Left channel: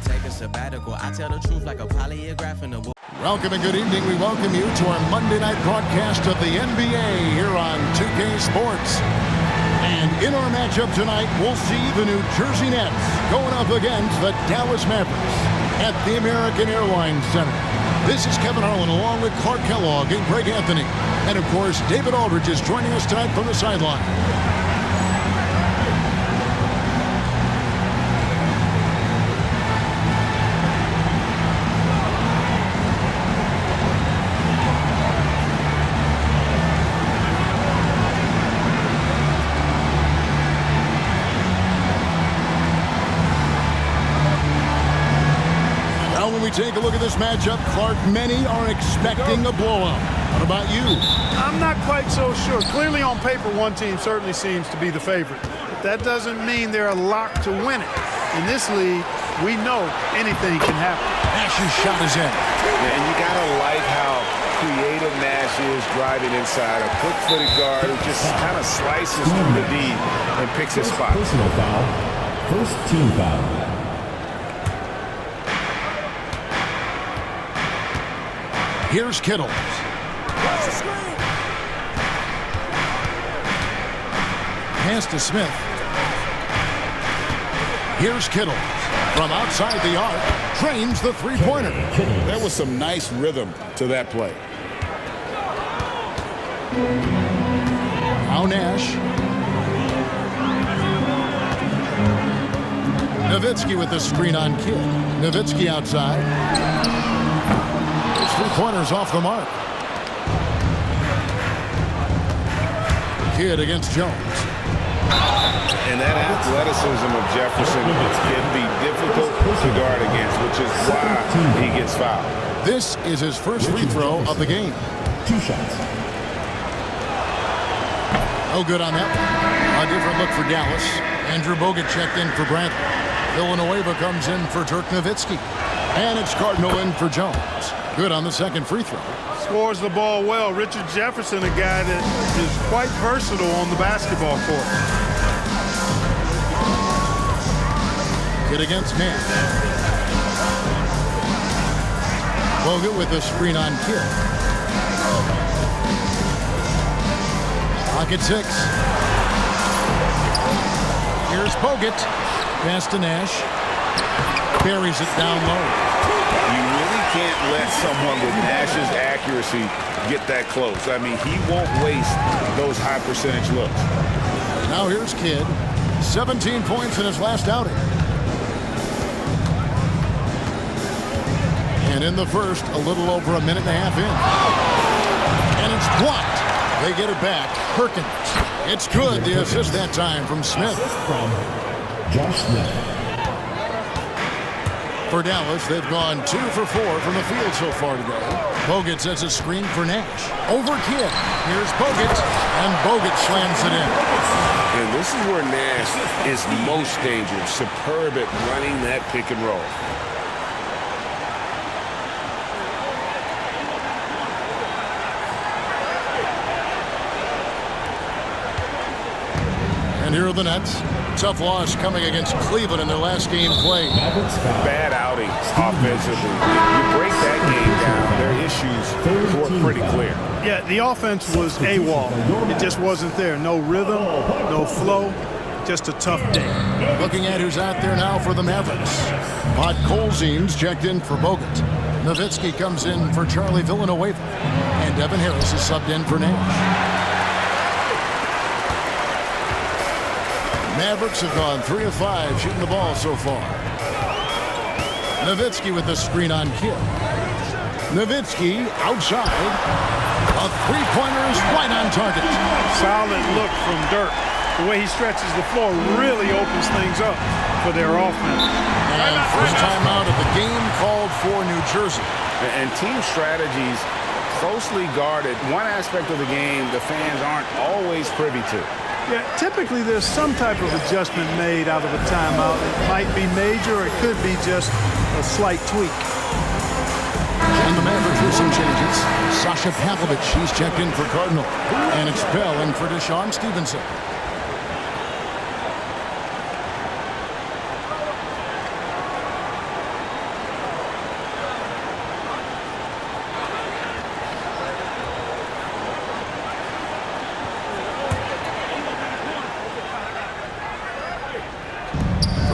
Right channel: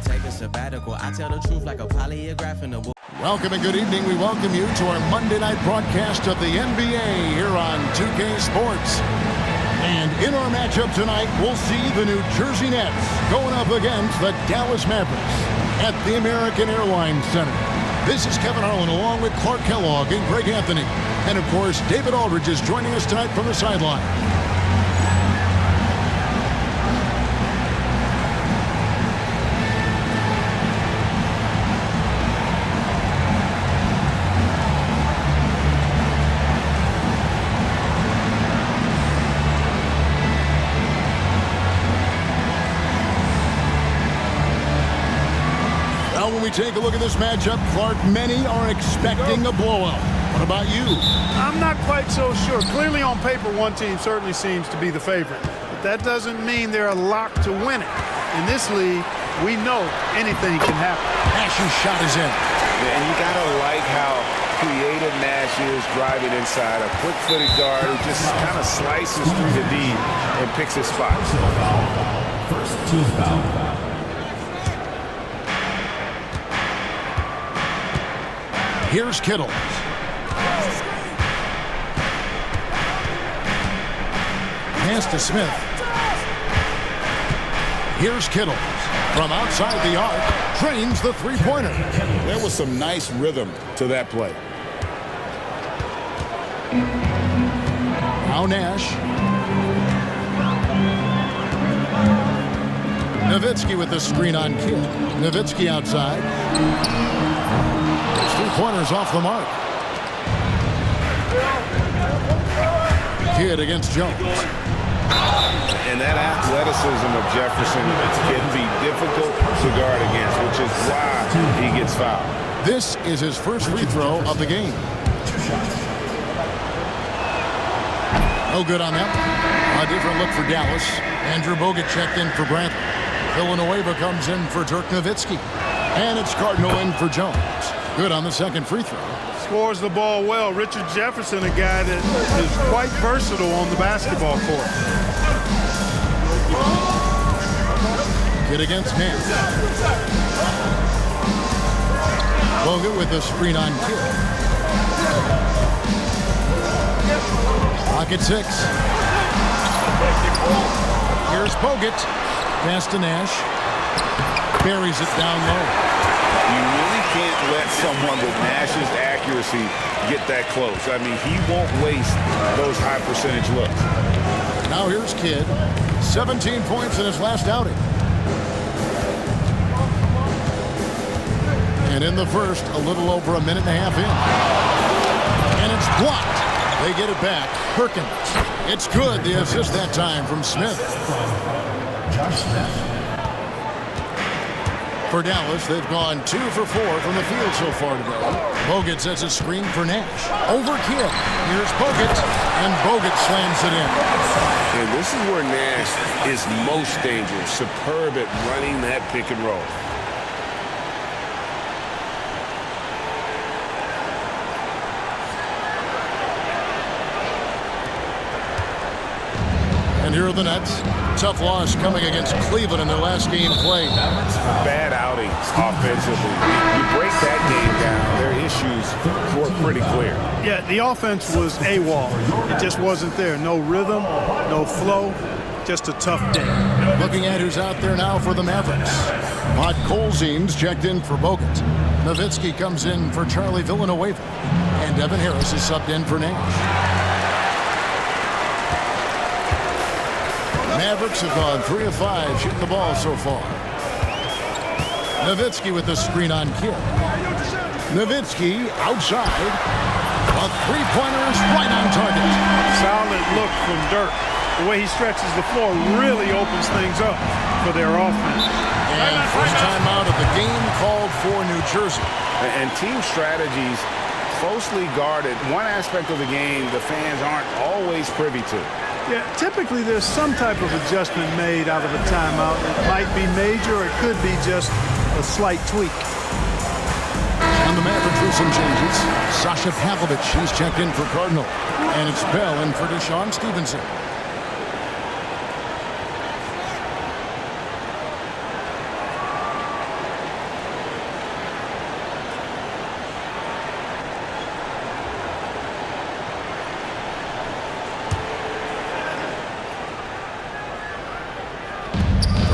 take a sabbatical. I tell the truth like a polygraph in a book. Welcome and good evening. We welcome you to our Monday night broadcast of the NBA here on 2K Sports. And in our matchup tonight, we'll see the New Jersey Nets going up against the Dallas Mavericks at the American Airlines Center. This is Kevin Harlan along with Clark Kellogg and Greg Anthony. And of course, David Aldridge is joining us tonight from the sideline. Now, when we take a look at this matchup, Clark, many are expecting a blowout. What about you? I'm not quite so sure. Clearly on paper, one team certainly seems to be the favorite. But that doesn't mean they're a lock to win it. In this league, we know anything can happen. Nash's shot is in. Yeah, and you got to like how creative Nash is driving inside. A quick-footed guard who just kind of slices through the D and picks his spot. Personal foul. First team foul. Here's Kittle. Pass to Smith. Here's Kittle. From outside the arc, trains the three-pointer. There was some nice rhythm to that play. Now Nash. Nowitzki with the screen on Kidd. Nowitzki outside. Those three-pointers off the mark. Kidd against Jones. And that athleticism of Jefferson can be difficult to guard against, which is why he gets fouled. This is his first free throw of the game. 2 shots. No good on that one. A different look for Dallas. Andrew Bogut checked in for Bradley. Villanueva comes in for Dirk Nowitzki. And it's Cardinal in for Jones. Good on the second free throw. Scores the ball well. Richard Jefferson, a guy that is quite versatile on the basketball court. Kidd against Nash. Bogut with a screen on Kidd. Pocket 6. Here's Bogut. Pass to Nash. Buries it down low. You really can't let someone with Nash's accuracy get that close. I mean, he won't waste those high percentage looks. Now here's Kidd. 17 points in his last outing. And in the first, a little over a minute and a half in. And it's blocked. They get it back. Perkins. It's good. The assist that time from Smith. From Josh Smith. For Dallas, they've gone 2 for 4 from the field so far today. Bogut sets a screen for Nash. Over Kidd. Here's Bogut. And Bogut slams it in. And this is where Nash is most dangerous. Superb at running that pick and roll. And here are the Nets. Tough loss coming against Cleveland in their last game played. Bad outing offensively. You break that game down, their issues were pretty clear. Yeah, the offense was AWOL. It just wasn't there. No rhythm, no flow, just a tough day. Looking at who's out there now for the Mavericks. Pod Colzine's checked in for Bogut. Nowitzki comes in for Charlie Villanueva. And Devin Harris is subbed in for Nash. Mavericks have gone 3 of 5 shooting the ball so far. Nowitzki with the screen on Kidd. Nowitzki outside. A three-pointer is right on target. Solid look from Dirk. The way he stretches the floor really opens things up for their offense. And first timeout of the game called for New Jersey. And team strategies closely guarded. One aspect of the game the fans aren't always privy to. Yeah, typically there's some type of adjustment made out of a timeout. It might be major or it could be just a slight tweak. And the Mavericks with some changes. Sasha Pavlovich, he's checked in for Cardinal. And it's Bell in for Deshaun Stevenson.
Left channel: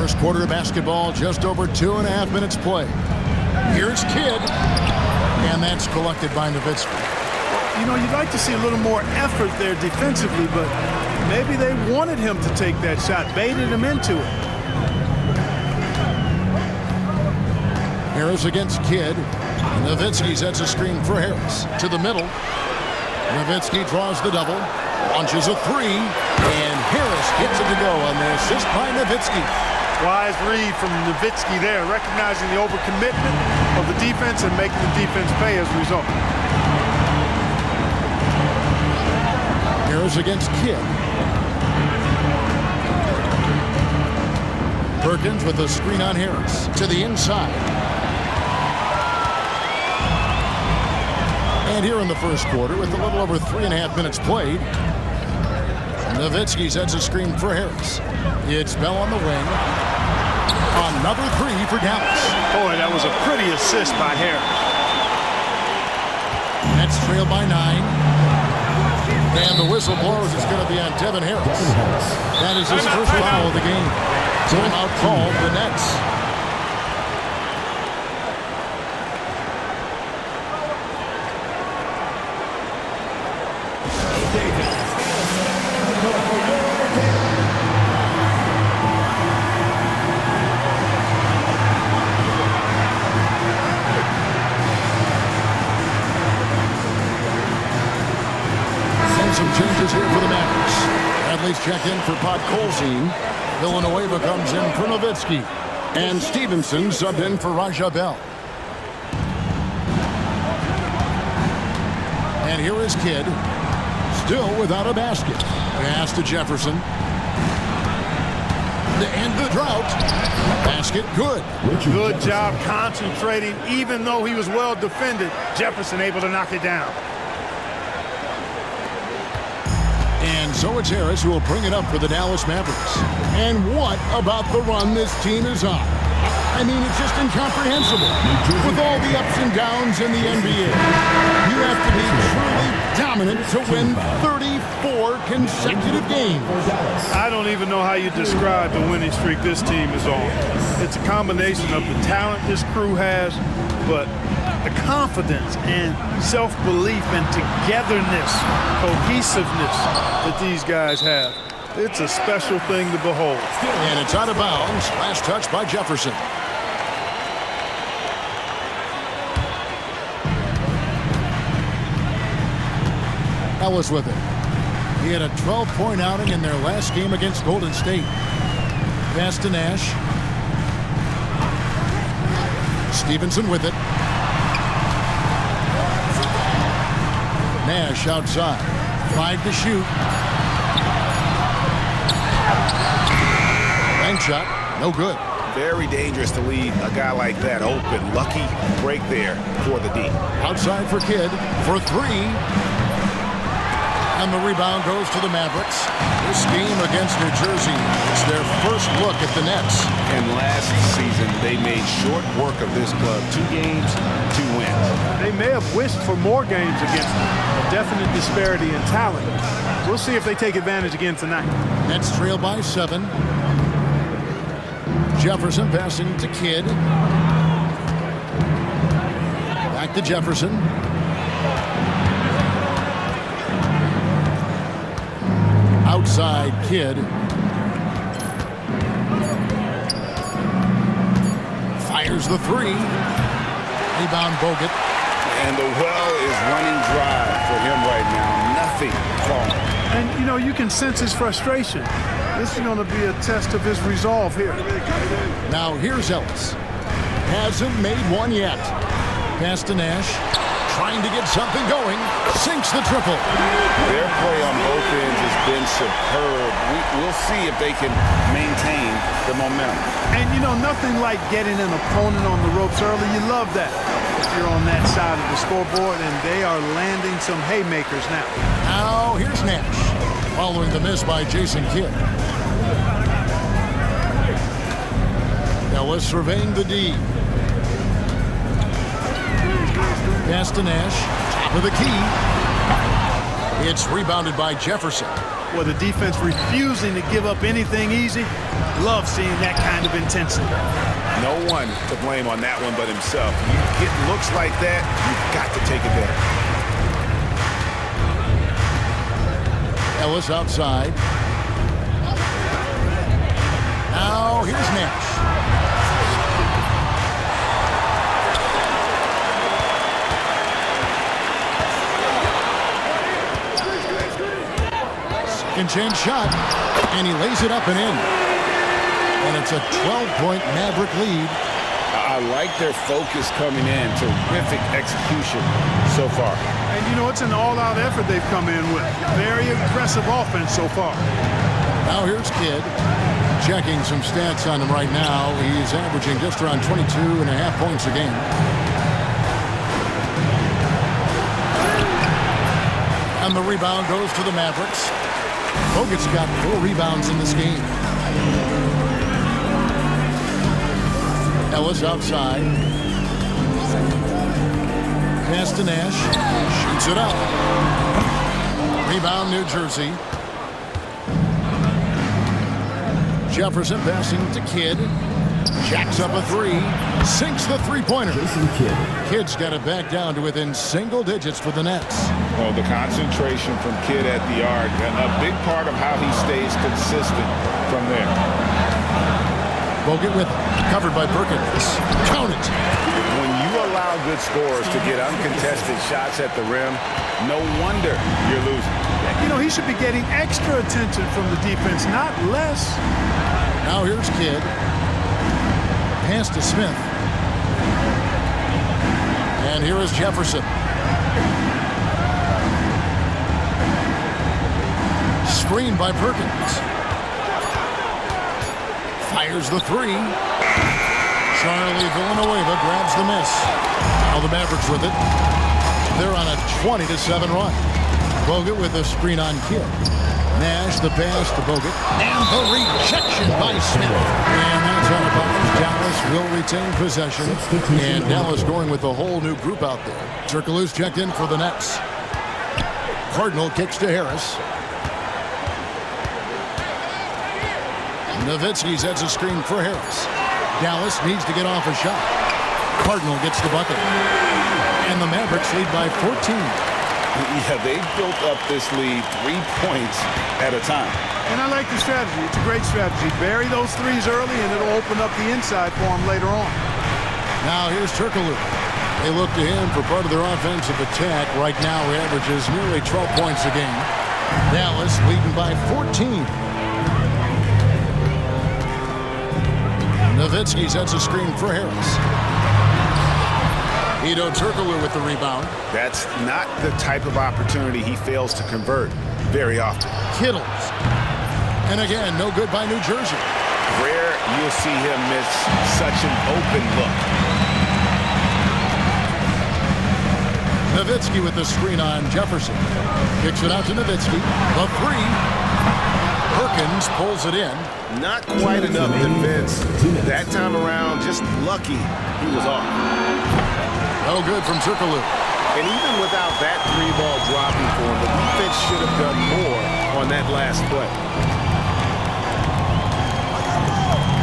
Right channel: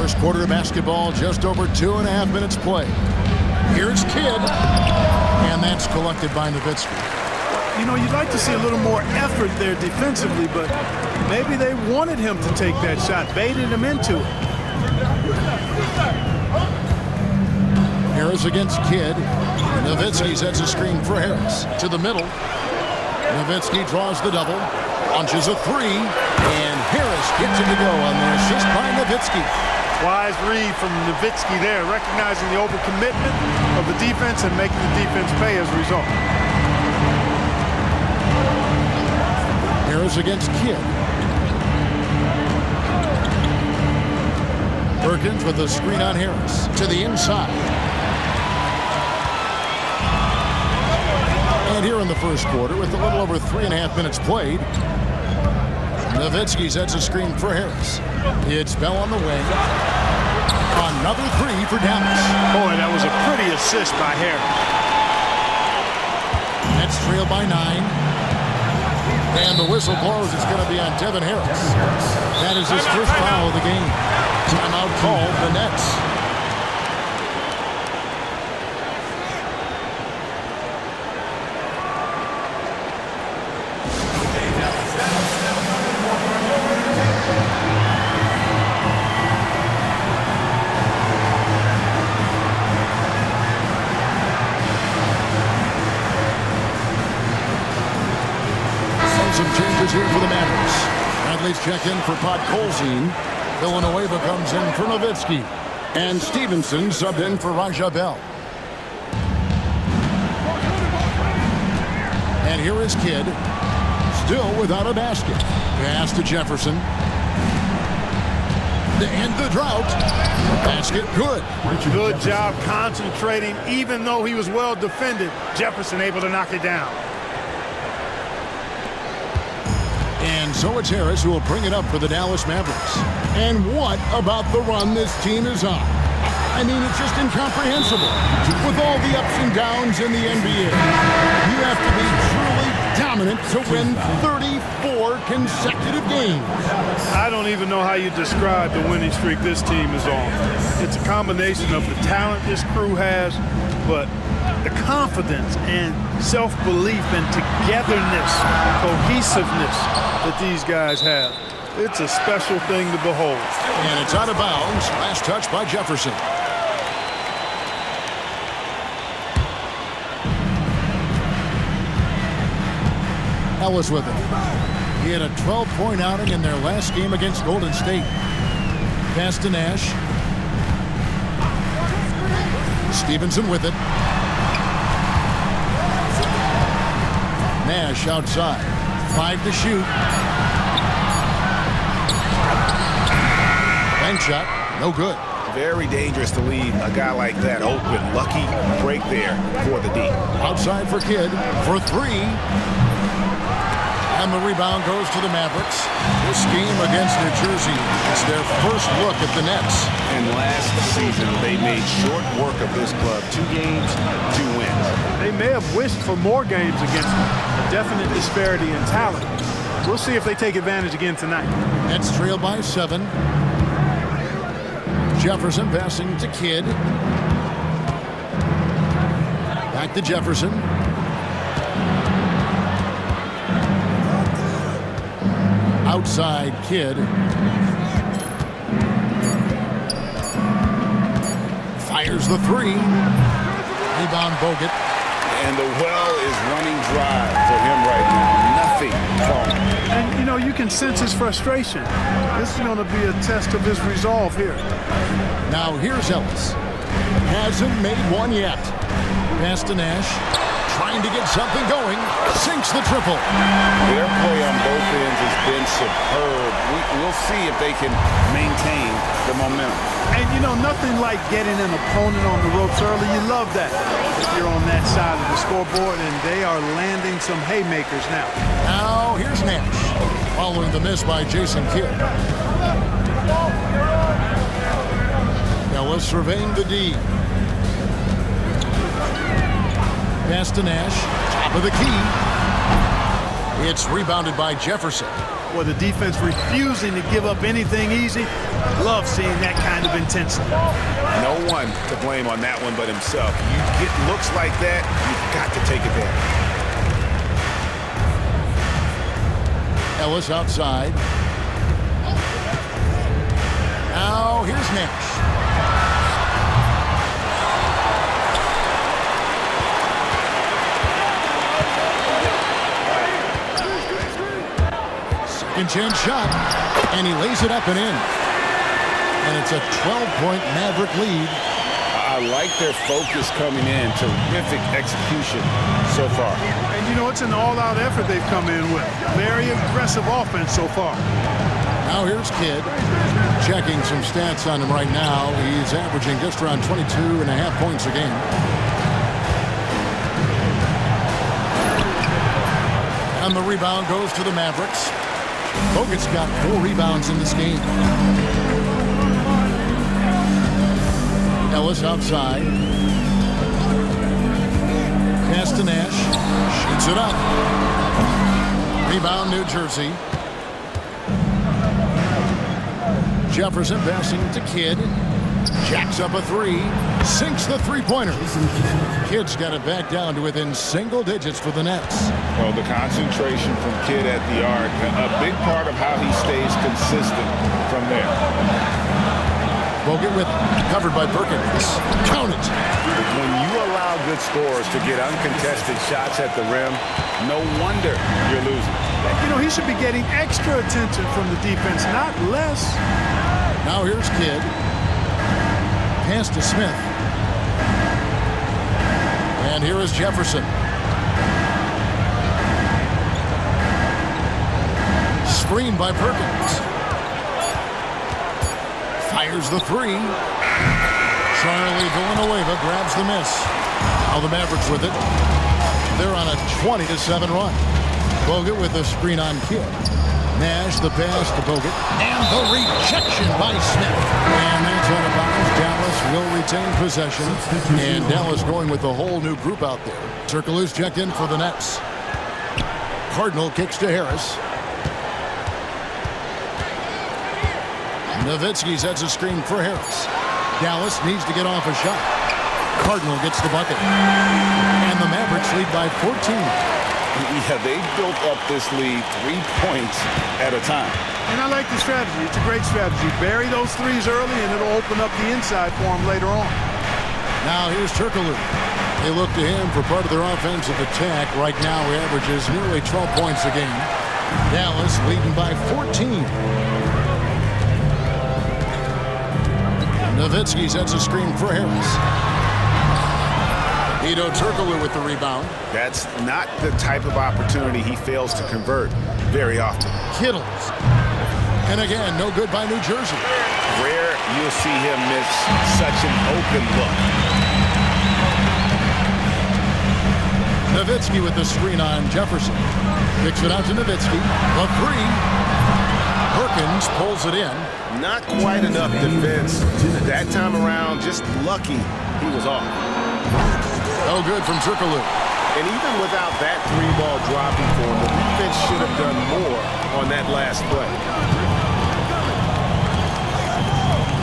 First quarter of basketball, just over 2.5 minutes play. Here's Kidd, and that's collected by Nowitzki. You know, you'd like to see a little more effort there defensively, but maybe they wanted him to take that shot, baited him into it. Harris against Kidd. Nowitzki sets a screen for Harris. To the middle. Nowitzki draws the double. Launches a three. And Harris gets it to go on the assist by Nowitzki. Wise read from Nowitzki there, recognizing the overcommitment of the defense and making the defense pay as a result. Harris against Kidd. Perkins with a screen on Harris. To the inside. And here in the first quarter, with a little over 3.5 minutes played, Nowitzki sets a screen for Harris. It's Bell on the wing. Another three for Dallas. Boy, that was a pretty assist by Harris. Nets trail by 9. And the whistle blows. It's going to be on Devin Harris. That is his first foul of the game. Timeout called the Nets. Some changes here for the Mavericks. Bradley's check in for Podkolzin. Villanueva comes in for Nowitzki. And Stevenson subbed in for Raja Bell. And here is Kidd. Still without a basket. Pass to Jefferson. To end the drought. Basket good. Good job concentrating. Even though he was well defended, Jefferson able to knock it down. And so it's Harris who will bring it up for the Dallas Mavericks. And what about the run this team is on? I mean, it's just incomprehensible. With all the ups and downs in the NBA, you have to be truly dominant to win 34 consecutive games. I don't even know how you describe the winning streak this team is on. It's a combination of the talent this crew has, but the confidence and self-belief and togetherness, cohesiveness that these guys have. It's a special thing to behold. And it's out of bounds. Last touch by Jefferson. Ellis with it. He had a 12-point outing in their last game against Golden State. Pass to Nash. Stevenson with it. Nash outside. 5 to shoot. Bank shot. No good. Very dangerous to leave a guy like that open. Lucky break there for the D. Outside for Kidd for 3. And the rebound goes to the Mavericks. This game against New Jersey, it's their first look at the Nets. And last season, they made short work of this club. 2 games, 2 wins. They may have wished for more games against them. A definite disparity in talent. We'll see if they take advantage again tonight. Nets trail by 7. Jefferson passing to Kidd. Back to Jefferson. Outside Kidd. Fires the 3. Rebound Bogut. And the well is running dry for him right now. Nothing falling. And, you know, you can sense his frustration. This is going to be a test of his resolve here. Now here's Ellis. Hasn't made one yet. Pass to Nash. Trying to get something going. Sinks the triple. Their play on both ends has been superb. We'll see if they can maintain the momentum. And, you know, nothing like getting an opponent on the ropes early. You love that if you're on that side of the scoreboard, and they are landing some haymakers now. Now here's Nash. Following the miss by Jason Kidd. Ellis surveying the D. Pass to Nash. Top of the key. It's rebounded by Jefferson. Well, the defense refusing to give up anything easy. Love seeing that kind of intensity. No one to blame on that one but himself. You get looks like that, you've got to take advantage. Ellis outside. Now here's Nash. Second chance shot, and he lays it up and in. And it's a 12-point Maverick lead. I like their focus coming in. Terrific execution so far. And you know, it's an all-out effort they've come in with. Very aggressive offense so far. Now here's Kidd. Checking some stats on him right now. He's averaging just around 22.5 points a game. And the rebound goes to the Mavericks. Bogut's got 4 rebounds in this game. Ellis outside. Pass to Nash. Shoots it up. Rebound, New Jersey. Jefferson passing to Kidd. Jacks up a 3. Sinks the three-pointer. Kidd's got it back down to within single digits for the Nets. Well, the concentration from Kidd at the arc, a big part of how he stays consistent from there. Bogut with it. Covered by Perkins. Count it. When you allow good scorers to get uncontested shots at the rim, no wonder you're losing. You know, he should be getting extra attention from the defense, not less. Now here's Kidd. Pass to Smith. And here is Jefferson. Screen by Perkins. Fires the 3. Charlie Villanueva grabs the miss. Now the Mavericks with it. They're on a 20-7 run. Bogut with a screen on Kidd. Nash the pass to Bogut. And the rejection by Smith. And that's out of bounds. Dallas will retain possession. And Dallas going with a whole new group out there. Turkoglu's checked in for the Nets. Cardinal kicks to Harris. Nowitzki sets a screen for Harris. Dallas needs to get off a shot. Cardinal gets the bucket. And the Mavericks lead by 14. Yeah, they built up this lead 3 points at a time. And I like the strategy. It's a great strategy. Bury those threes early, and it'll open up the inside for them later on. Now here's Turkoglu. They look to him for part of their offensive attack. Right now he averages nearly 12 points a game. Dallas leading by 14. Nowitzki sets a screen for Harris. Hedo Turkoglu with the rebound. That's not the type of opportunity he fails to convert very often. Kittles. And again, no good by New Jersey. Rare you'll see him miss such an open look. Nowitzki with the screen on Jefferson. Kicks it out to Nowitzki. The 3. Perkins pulls it in. Not quite enough defense. That time around, just lucky he was off. Oh, good from Turkoglu. And even without that 3-ball dropping for him, the defense should have done more on that last play.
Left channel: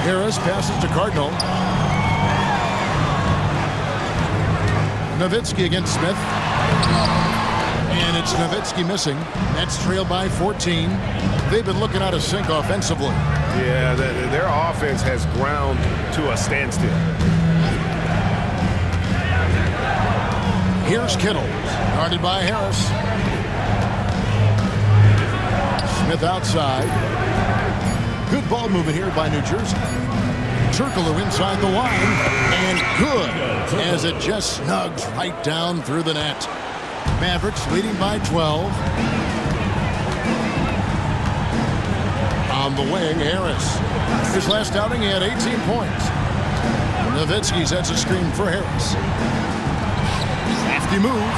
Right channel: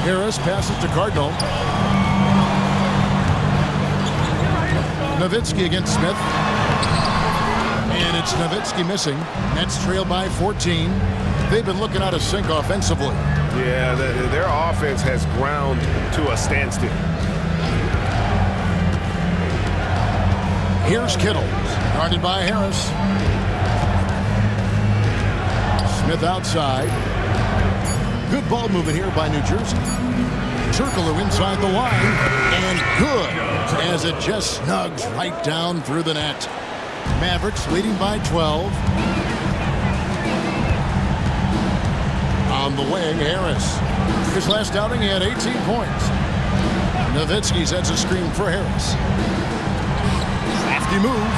Harris passes to Cardinal. Nowitzki against Smith. And it's Nowitzki missing. Nets trail by 14. They've been looking out of sync offensively. Yeah, their offense has ground to a standstill. Here's Kittle, guarded by Harris. Smith outside. Good ball movement here by New Jersey. Turkoglu inside the line, and good, as it just snugs right down through the net. Mavericks leading by 12. On the wing, Harris. His last outing, he had 18 points. Nowitzki sets a screen for Harris. Crafty move.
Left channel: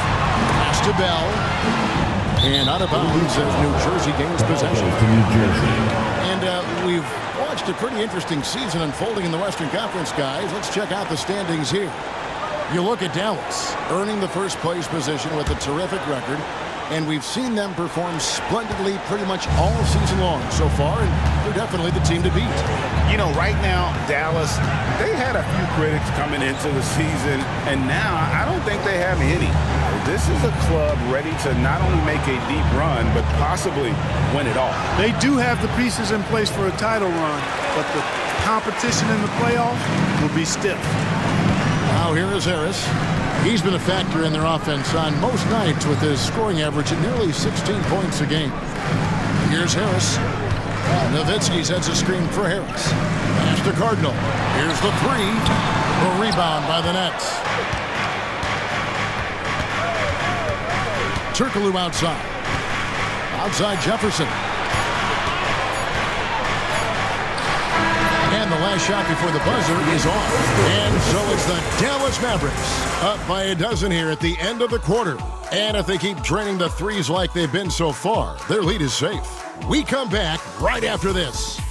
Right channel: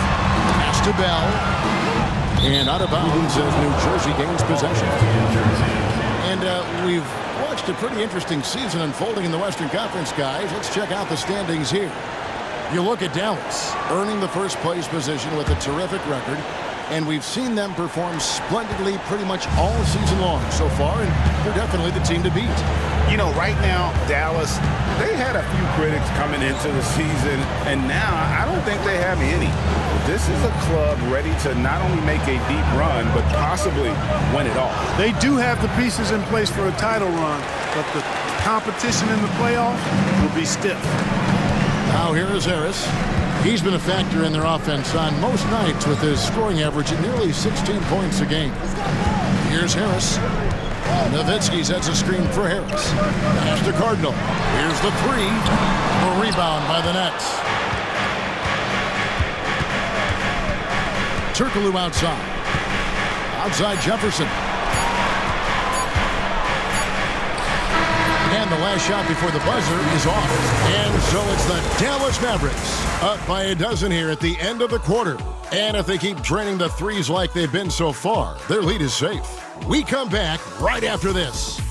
Pass to Bell. And out of bounds as New Jersey gains possession. And we've watched a pretty interesting season unfolding in the Western Conference, guys. Let's check out the standings here. You look at Dallas, earning the first place position with a terrific record. and we've seen them perform splendidly pretty much all season long so far, and they're definitely the team to beat. You know, right now, Dallas, they had a few critics coming into the season, and now I don't think they have any. This is a club ready to not only make a deep run, but possibly win it all. They do have the pieces in place for a title run, but the competition in the playoffs will be stiff. Now here is Harris. He's been a factor in their offense on most nights with his scoring average at nearly 16 points a game. Here's Harris. Nowitzki sets a screen for Harris. Pass to Cardinal. Here's the three. A rebound by the Nets. Turkoglu outside. Outside Jefferson. And the last shot before the buzzer is off. And so it's the Dallas Mavericks up by a dozen here at the end of the quarter. And if they keep draining the threes like they've been so far, their lead is safe. We come back right after this.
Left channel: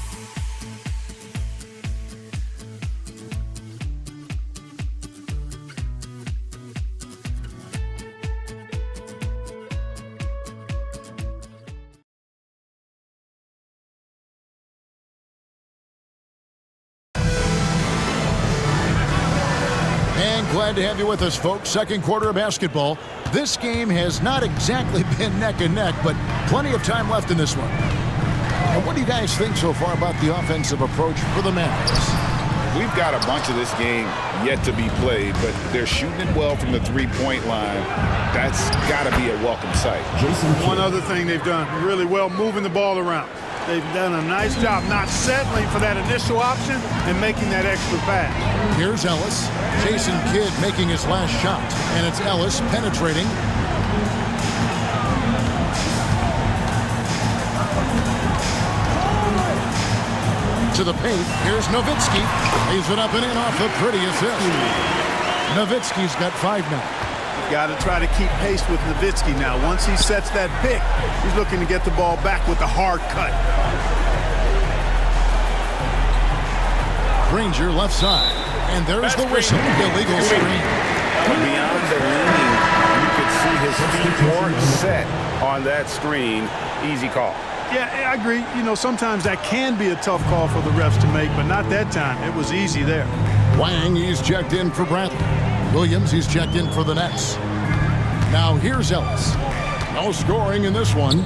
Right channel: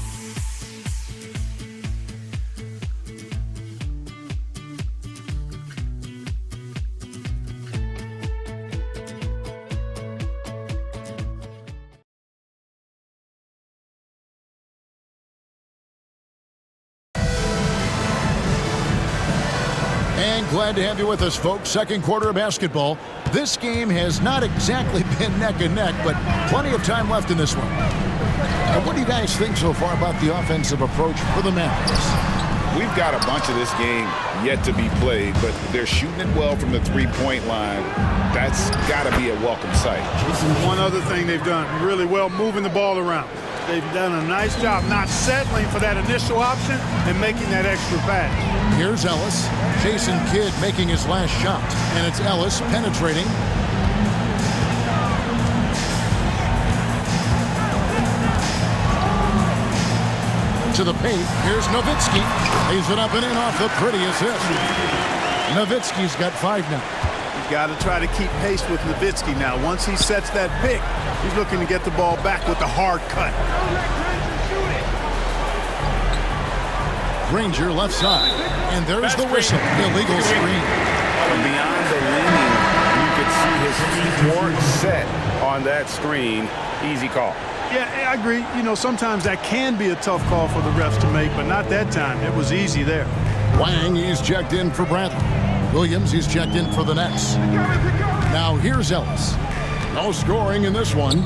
And glad to have you with us, folks. Second quarter of basketball. This game has not exactly been neck and neck, but plenty of time left in this one. And what do you guys think so far about the offensive approach for the Mavericks? We've got a bunch of this game yet to be played, but they're shooting it well from the three-point line. That's got to be a welcome sight. One other thing they've done really well, moving the ball around. They've done a nice job not settling for that initial option and making that extra pass. Here's Ellis. Jason Kidd making his last shot. And it's Ellis penetrating. To the paint. Here's Nowitzki. Lays it up and in off the pretty assist. Nowitzki's got 5 now. You've got to try to keep pace with Nowitzki now. Once he sets that pick, he's looking to get the ball back with the hard cut. Granger left side. And there's the whistle. Illegal screen. Beyond the leaning, you could see his feet weren't set on that screen. Easy call. Yeah, I agree. You know, sometimes that can be a tough call for the refs to make, but not that time. It was easy there. Wang, he's checked in for Bradley. Williams, he's checked in for the Nets. Now here's Ellis. No scoring in this one.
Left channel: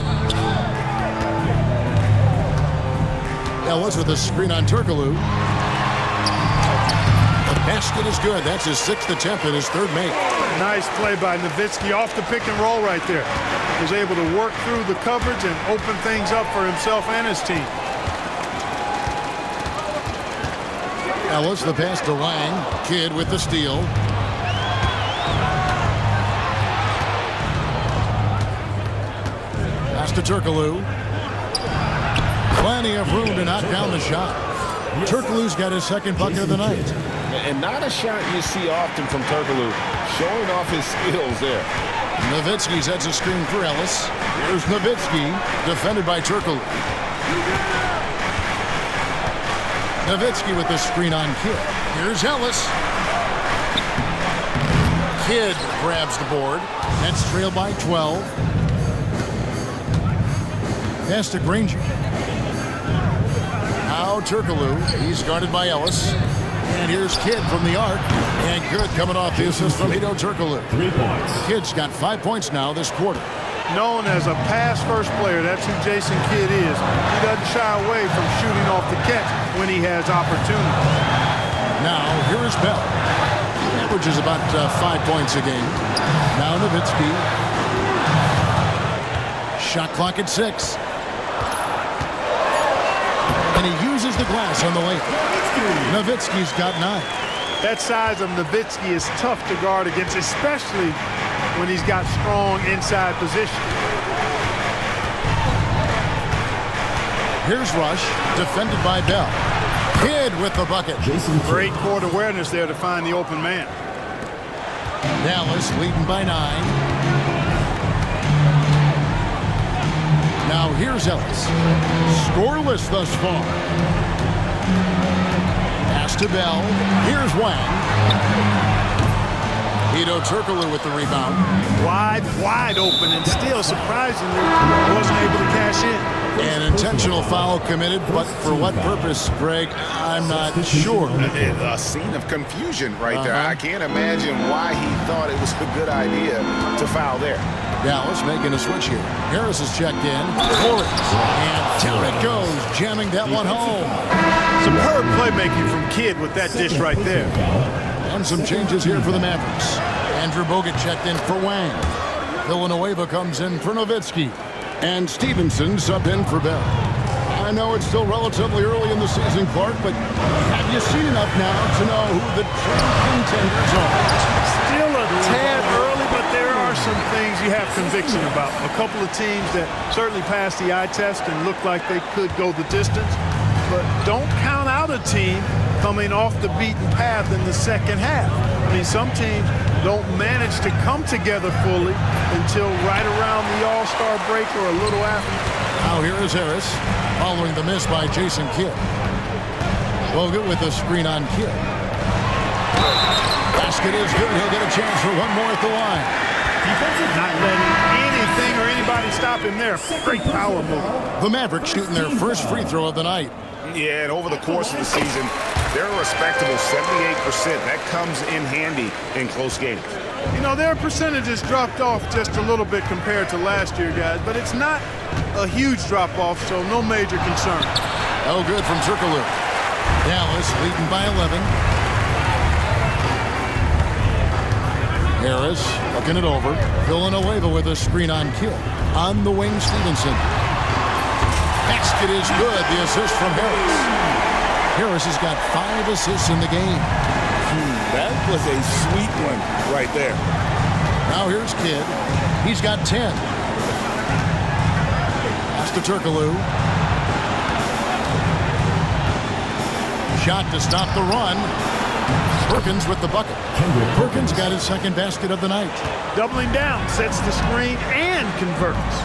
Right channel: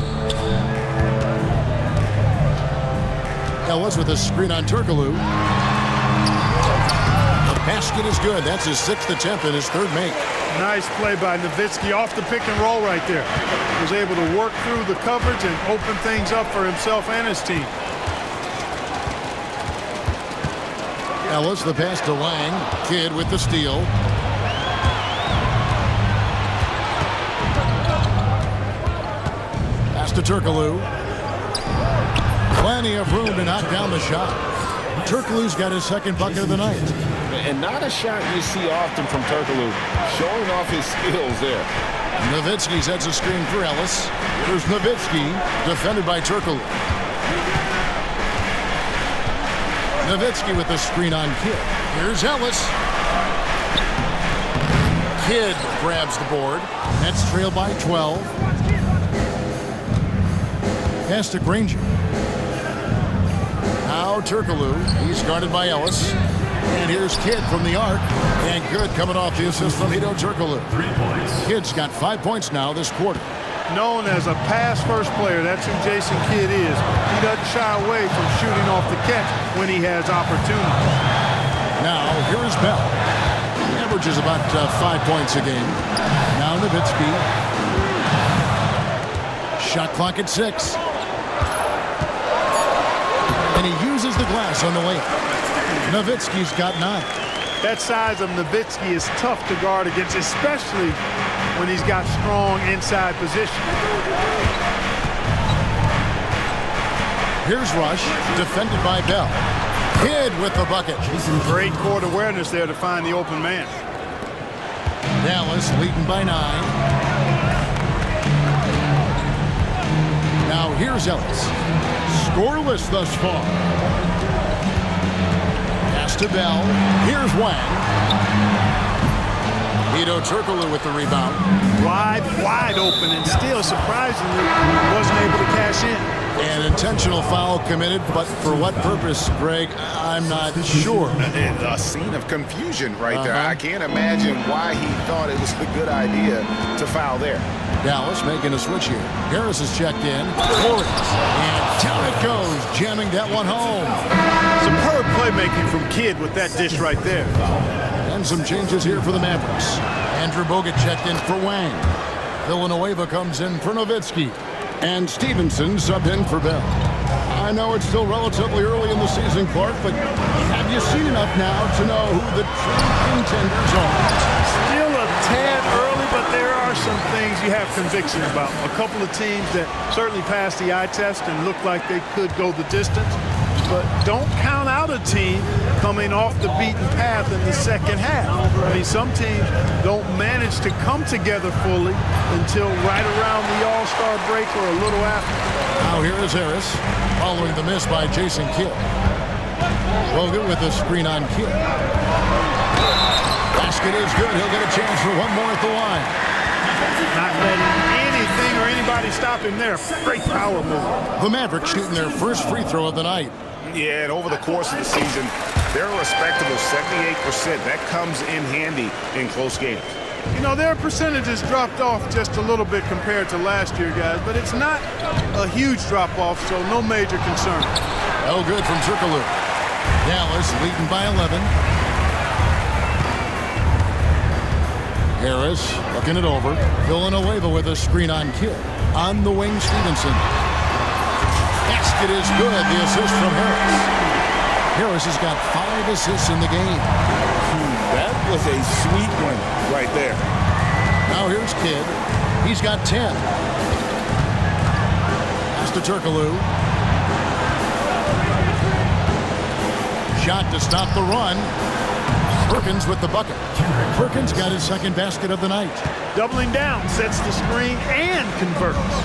Ellis with a screen on Turkoglu. The basket is good. That's his 6th attempt and his 3rd make. Nice play by Nowitzki off the pick and roll right there. Was able to work through the coverage and open things up for himself and his team. Ellis, the pass to Lang. Kidd with the steal. Pass to Turkoglu. Plenty of room to knock down the shot. Turkoglu's got his 2nd bucket of the night. And not a shot you see often from Turkoglu, showing off his skills there. Nowitzki sets a screen for Ellis. Here's Nowitzki, defended by Turkoglu. Nowitzki with the screen on Kidd. Here's Ellis. Kidd grabs the board. Nets trail by 12. Pass to Granger. Now Turkoglu. He's guarded by Ellis. And here's Kidd from the arc. And good coming off the assist from Hedo Turkoglu. 3 points. Kidd's got 5 points now this quarter. Known as a pass-first player, that's who Jason Kidd is. He doesn't shy away from shooting off the catch when he has opportunities. Now, here is Bell. He averages about 5 points a game. Now Nowitzki. Shot clock at 6. And he uses the glass on the layup. Nowitzki's got 9. That size of Nowitzki is tough to guard against, especially when he's got strong inside position. Here's Rush, defended by Bell. Kidd with the bucket. Great court awareness there to find the open man. Dallas leading by 9. Now here's Ellis. Scoreless thus far. Pass to Bell. Here's Wang. Hedo Turkoglu with the rebound. Wide open, and still surprisingly wasn't able to cash in. An intentional foul committed, but for what purpose, Greg, I'm not sure. A scene of confusion right there. I can't imagine why he thought it was a good idea to foul there. Dallas making a switch here. Harris is checked in. Torres. And down it goes, jamming that one home. Superb playmaking from Kidd with that dish right there. And some changes here for the Mavericks. Andrew Bogut checked in for Wang. Villanueva comes in for Nowitzki. And Stevenson subbed in for Bell. I know it's still relatively early in the season, Clark, but have you seen enough now to know who the true contenders are? Still a tad early, but there are some things you have conviction about. A couple of teams that certainly passed the eye test and look like they could go the distance. But don't count out a team coming off the beaten path in the second half. I mean, some teams don't manage to come together fully until right around the All-Star break or a little after. Now here is Harris, following the miss by Jason Kidd. Bogut with a screen on Kidd. Basket is good. He'll get a chance for one more at the line. Not letting anything or anybody stop him there. Great power move. The Mavericks shooting their first free throw of the night. Yeah, and over the course of the season, they're a respectable 78%. That comes in handy in close games. You know, their percentages dropped off just a little bit compared to last year, guys, but it's not a huge drop-off, so no major concern. Oh, good from Turkoglu. Dallas leading by 11. Harris looking it over. Villanueva with a screen on Kidd. On the wing, Stevenson. Basket is good. The assist from Harris. Harris has got 5 assists in the game. That was a sweet one right there. Now here's Kidd. He's got 10. Pass to Turkoglu. Shot to stop the run. Perkins with the bucket. Perkins got his second basket of the night. Doubling down, sets the screen and converts.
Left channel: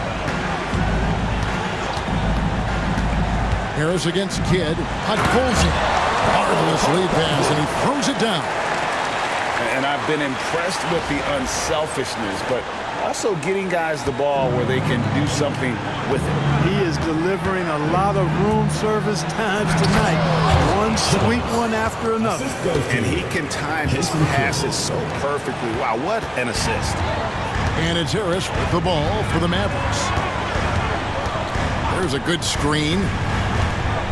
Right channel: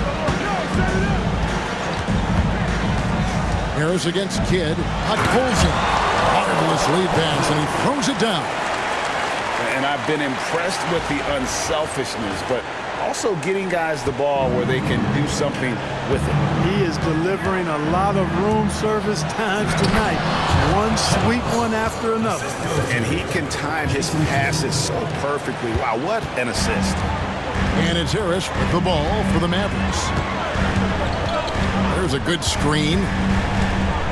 Harris against Kidd. Hutt pulls him. Marvelous lead pass, and he throws it down. And I've been impressed with the unselfishness, but also getting guys the ball where they can do something with it. He is delivering a lot of room service times tonight. One sweet one after another. And he can time his passes so perfectly. Wow, what an assist. And it's Harris with the ball for the Mavericks. There's a good screen.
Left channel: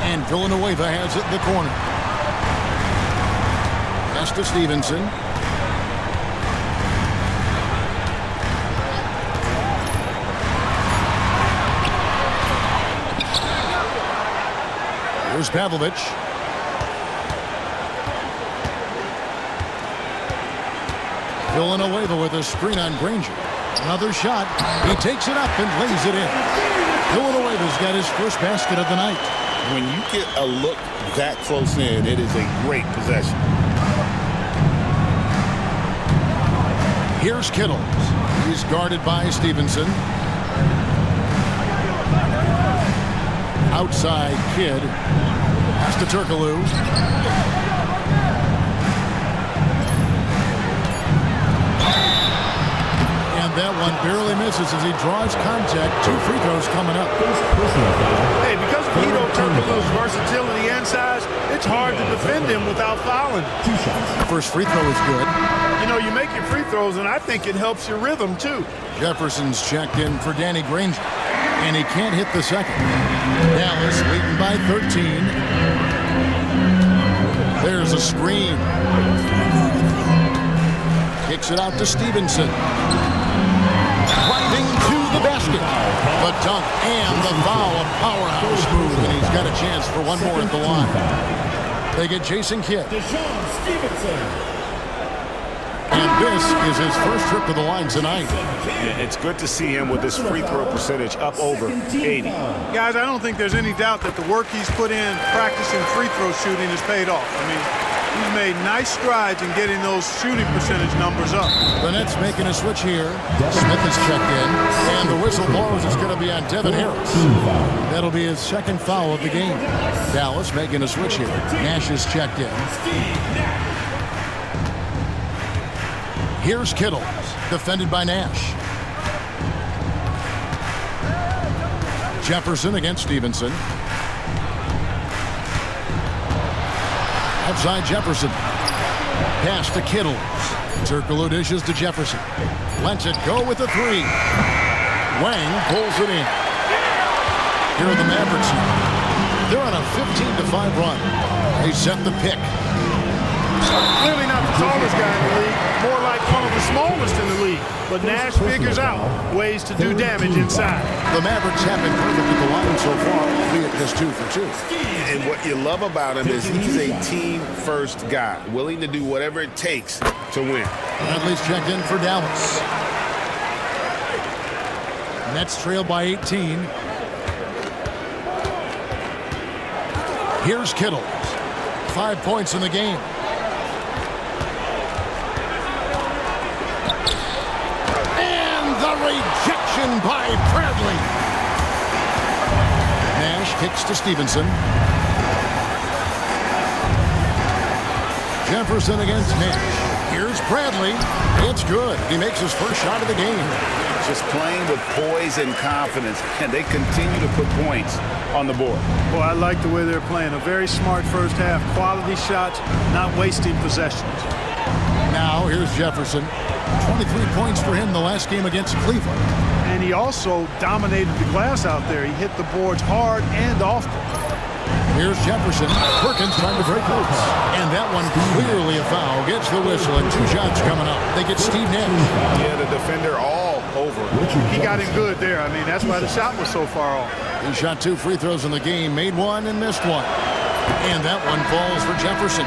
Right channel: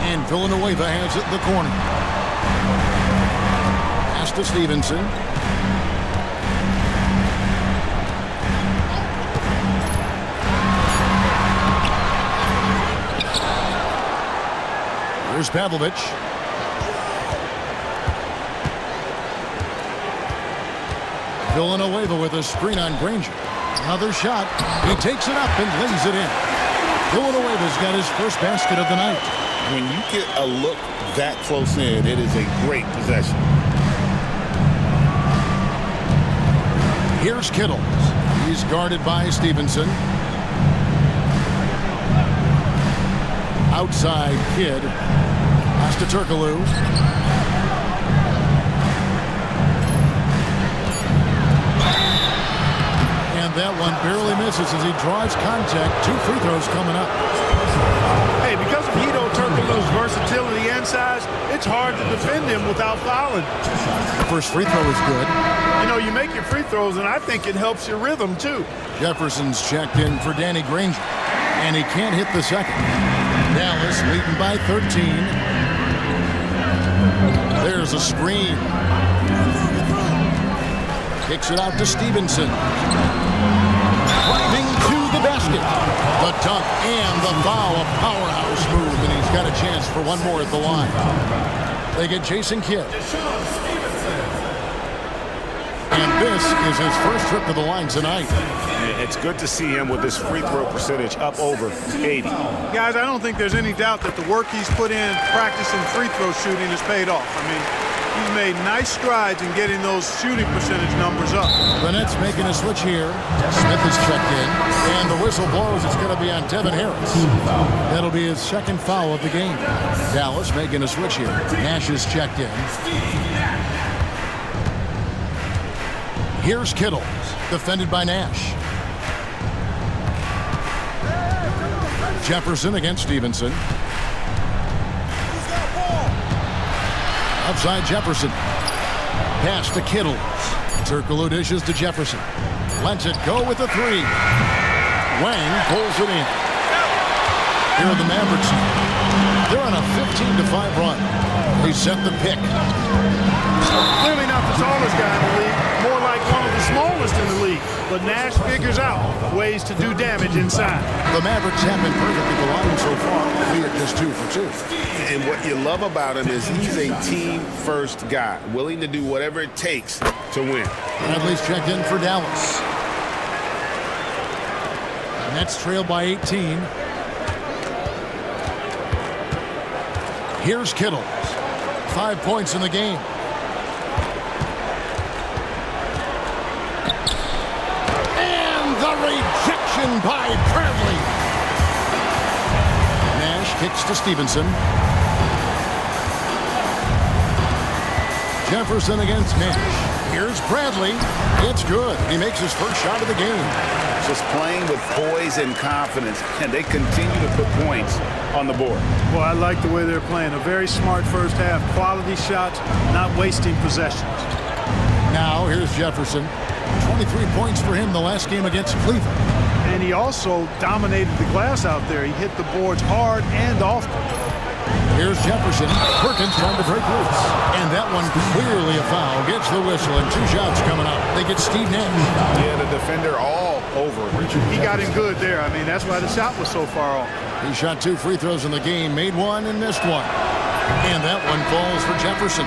And Villanueva has it in the corner. Pass to Stevenson. Here's Pavlovich. Villanueva with a screen on Granger. Another shot. He takes it up and lays it in. Villanueva's got his first basket of the night. When you get a look that close in, it is a great possession. Here's Kittle. He's guarded by Stevenson. Outside Kidd. Pass to Turkoglu. And that one barely misses as he draws contact. 2 free throws coming up. Hey, because of Hedo Turkoglu's versatility and size, it's hard to defend him without fouling. The first free throw is good. You know, you make your free throws, and I think it helps your rhythm, too. Jefferson's checked in for Danny Granger. And he can't hit the second. Dallas leading by 13. There's a screen. Kicks it out to Stevenson. Driving to the basket. The dunk and the foul, a powerhouse move, and he's got a chance for one more at the line. They get Jason Kidd. And this is his first trip to the line tonight. Yeah, it's good to see him with his free throw percentage up over 80. Guys, I don't think there's any doubt that the work he's put in practicing free throw shooting has paid off. I mean, he's made nice strides in getting those shooting percentage numbers up. The Nets making a switch here. Smith is checked in, and the whistle blows. It's going to be on Devin Harris. That'll be his second foul of the game. Dallas making a switch here. Nash is checked in. Here's Kittle, defended by Nash. Jefferson against Stevenson. Outside Jefferson. Pass to Kittle. Turkoglu dishes to Jefferson. Lets it go with the three. Wang pulls it in. Here are the Mavericks now. They're on a 15-5 run. They set the pick. Clearly not the tallest guy in the league, more like one of the smallest in the league. But Nash figures out ways to do damage inside. The Mavericks have been perfect at the line so far, albeit just 2 for 2. And what you love about him is he's a team-first guy, willing to do whatever it takes to win. Bradley's checked in for Dallas. Nets trail by 18. Here's Kittle. 5 points in the game. And the rejection by Bradley. Nash kicks to Stevenson. Jefferson against Nash. Here's Bradley. It's good. He makes his first shot of the game. Just playing with poise and confidence, and they continue to put points on the board. Well, I like the way they're playing. A very smart first half. Quality shots, not wasting possessions. Now here's Jefferson. 23 points for him the last game against Cleveland. And he also dominated the glass out there. He hit the boards hard and often. Here's Jefferson. Perkins trying to break loose. And that one clearly a foul. Gets the whistle and 2 shots coming up. They get Steve Nash. Yeah, the defender all over. He got him good there. I mean, that's why the shot was so far off. He shot 2 free throws in the game, made 1 and missed 1. And that one falls for Jefferson.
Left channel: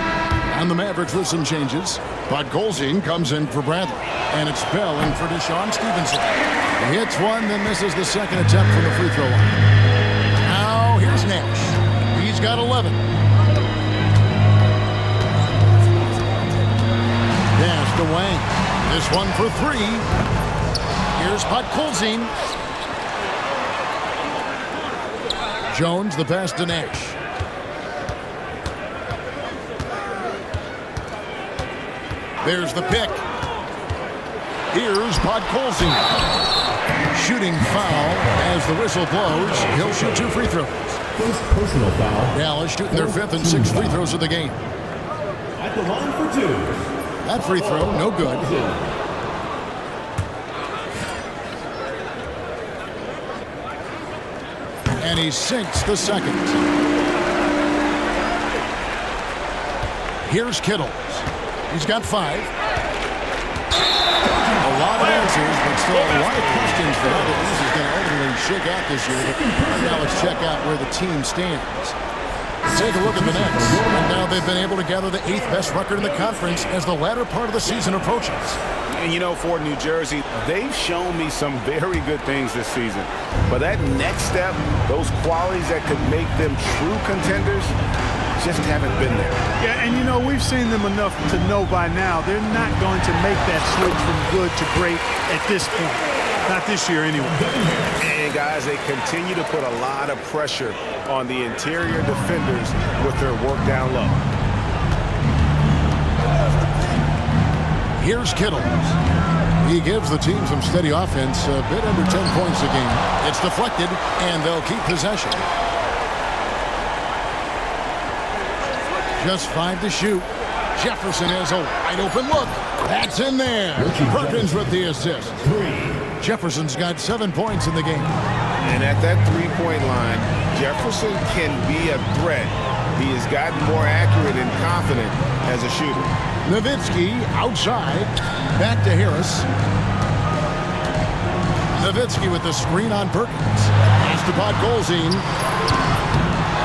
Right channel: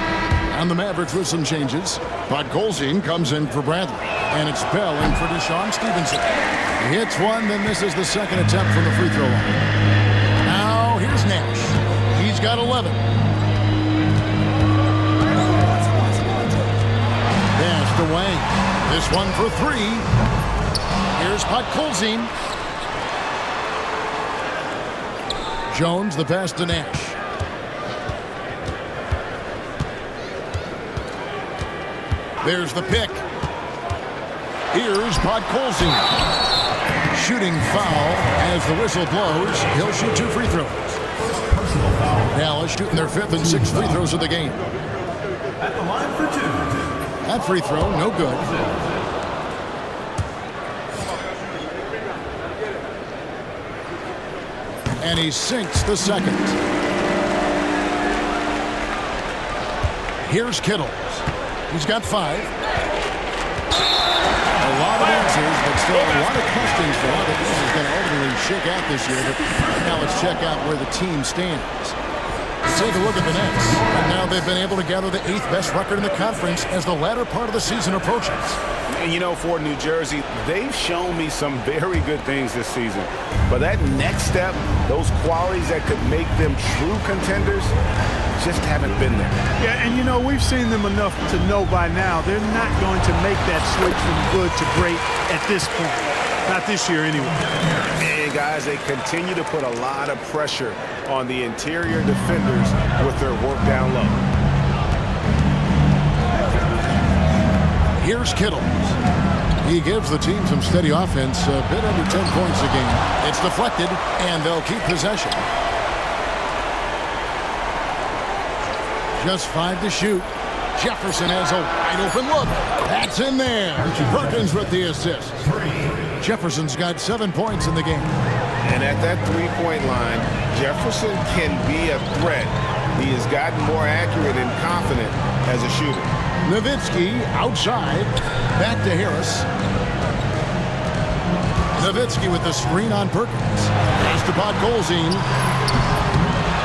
And the Mavericks with some changes. But Golzine comes in for Bradley. And it's Bell in for Deshaun Stevenson. He hits 1, then misses the second attempt from the free throw line. Now here's Nash. He's got 11. Pass to Wang. This one for 3. Here's Golzine. Jones, the pass to Nash. There's the pick. Here's Golzine. Shooting foul as the whistle blows. He'll shoot 2 free throws. First personal foul. Dallas shooting their 5th and 6th free throws of the game. At the line for 2. That free throw, no good. And he sinks the second. Here's Kittle. He's got 5. A lot of answers, but still a lot of questions for how the East is going to ultimately shake out this year. But right now, let's check out where the team stands. Take a look at the Nets. Right now, they've been able to gather the 8th best record in the conference as the latter part of the season approaches. And you know, for New Jersey, they've shown me some very good things this season. But that next step, those qualities that could make them true contenders, just haven't been there. Yeah, and you know, we've seen them enough to know by now they're not going to make that switch from good to great at this point. Not this year anyway. And guys, they continue to put a lot of pressure on the interior defenders with their work down low. Here's Kittle. He gives the team some steady offense, a bit under 10 points a game. It's deflected, and they'll keep possession. Just 5 to shoot. Jefferson has a wide open look. That's in there. Perkins with the assist. Jefferson's got 7 points in the game. And at that 3-point line, Jefferson can be a threat. He has gotten more accurate and confident as a shooter. Nowitzki outside. Back to Harris. Nowitzki with the screen on Perkins. Pass to Golzine.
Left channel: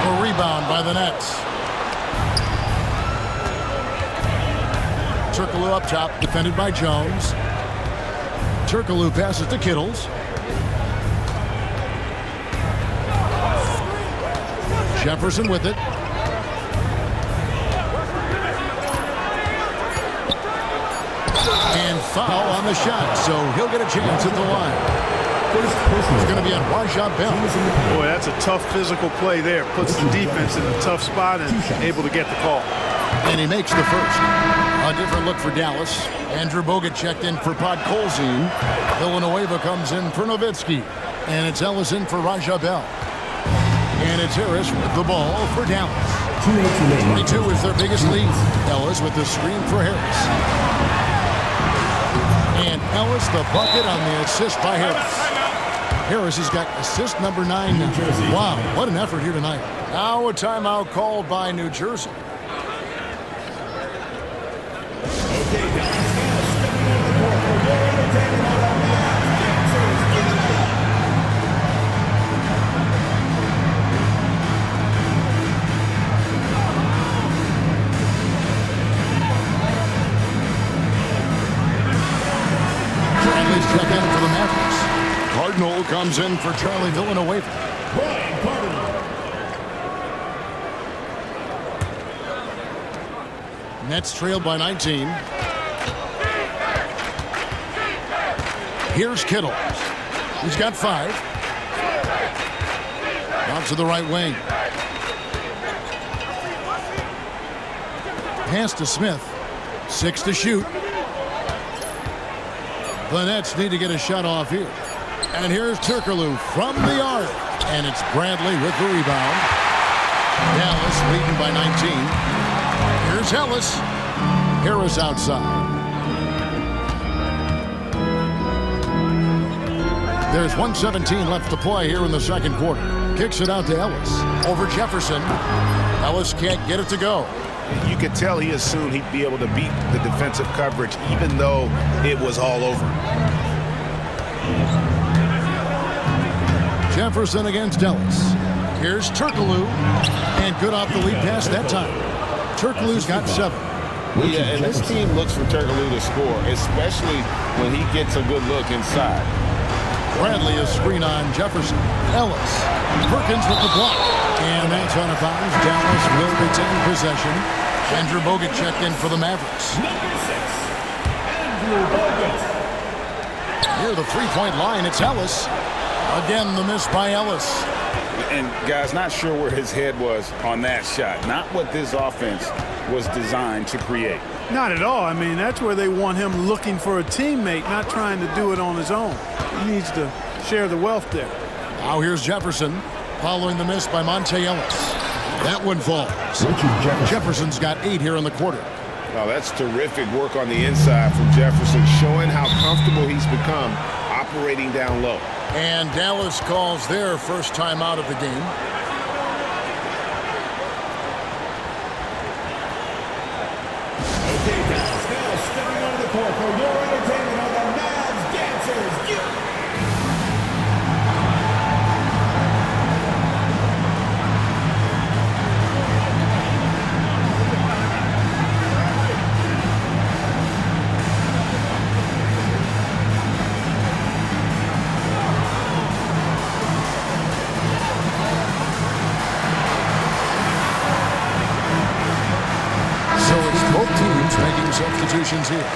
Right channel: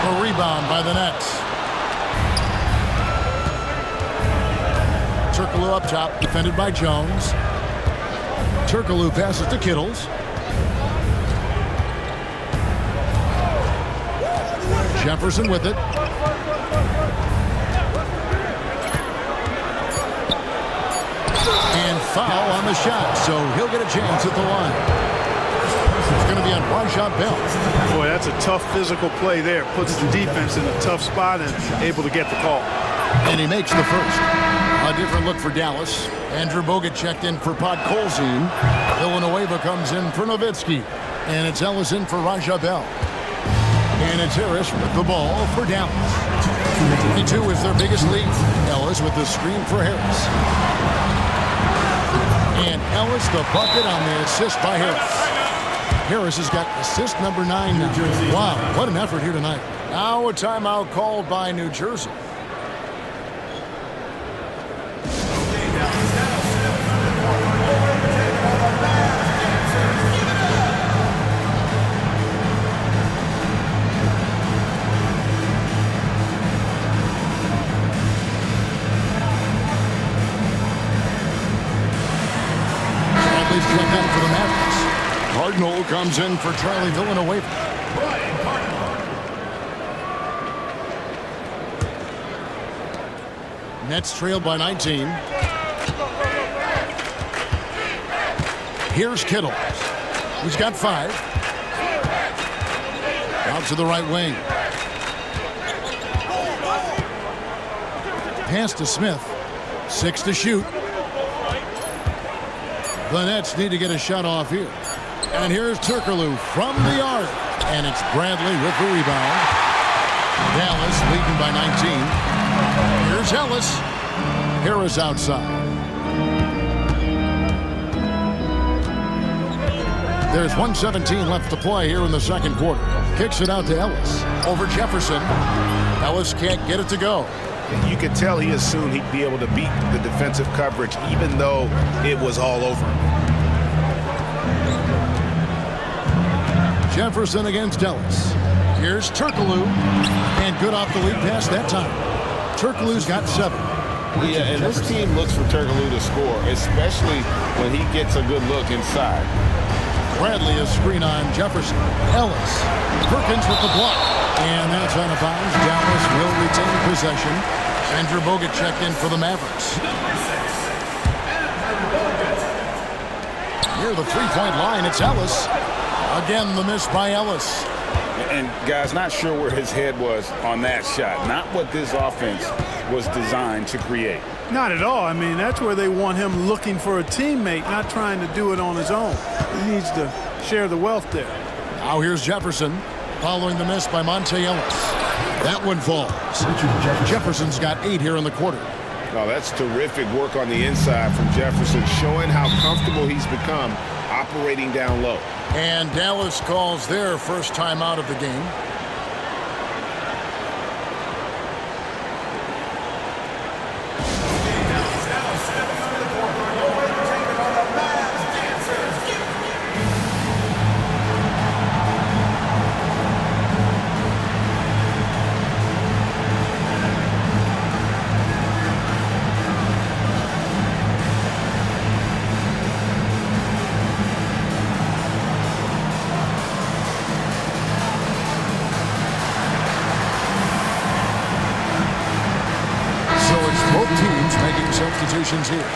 A rebound by the Nets. Turkoglu up top, defended by Jones. Turkoglu passes to Kittles. Jefferson with it. And foul on the shot, so he'll get a chance at the line. It's going to be on Rajah Bell. Boy, that's a tough physical play there. Puts the defense in a tough spot and able to get the call. And he makes the first. A different look for Dallas. Andrew Bogut checked in for Podkolzin. Villanueva comes in for Nowitzki. And it's Ellis in for Raja Bell. And it's Harris with the ball for Dallas. 22 is their biggest lead. Ellis with the screen for Harris. And Ellis the bucket on the assist by Harris. Harris has got assist number 9 now. Wow, what an effort here tonight. Now a timeout called by New Jersey. Bradley's checked in for the Mavericks. Cardinal comes in for Charlie Villanueva. Brian Cardinal. Nets trailed by 19. Here's Kittle. He's got 5. Out to the right wing. Pass to Smith. 6 to shoot. The Nets need to get a shot off here. And here's Turkoglu from the arc. And it's Bradley with the rebound. Dallas leading by 19. Here's Ellis. Harris outside. There's 1:17 left to play here in the second quarter. Kicks it out to Ellis. Over Jefferson. Ellis can't get it to go. You could tell he assumed he'd be able to beat the defensive coverage even though it was all over him. Jefferson against Ellis. Here's Turkoglu. And good off the lead pass that time. Turkoglu's got 7. Yeah, and this team looks for Turkoglu to score, especially when he gets a good look inside. Bradley a screen on Jefferson. Ellis. Perkins with the block. And that's out of bounds. Dallas will retain possession. Andrew Bogut checked in for the Mavericks. Number 6, Andrew Bogut. Near the three-point line, it's Ellis. Again, the miss by Ellis. And guys, not sure where his head was on that shot. Not what this offense was designed to create. Not at all. I mean, that's where they want him looking for a teammate, not trying to do it on his own. He needs to share the wealth there. Now here's Jefferson following the miss by Monte Ellis. That one falls. Jefferson's got 8 here in the quarter. Oh, that's terrific work on the inside from Jefferson, showing how comfortable he's become operating down low. And Dallas calls their first time out of the game. Dallas stepping onto the court for your entertainment on the Mavs Dancers. So it's both teams making substitutions here.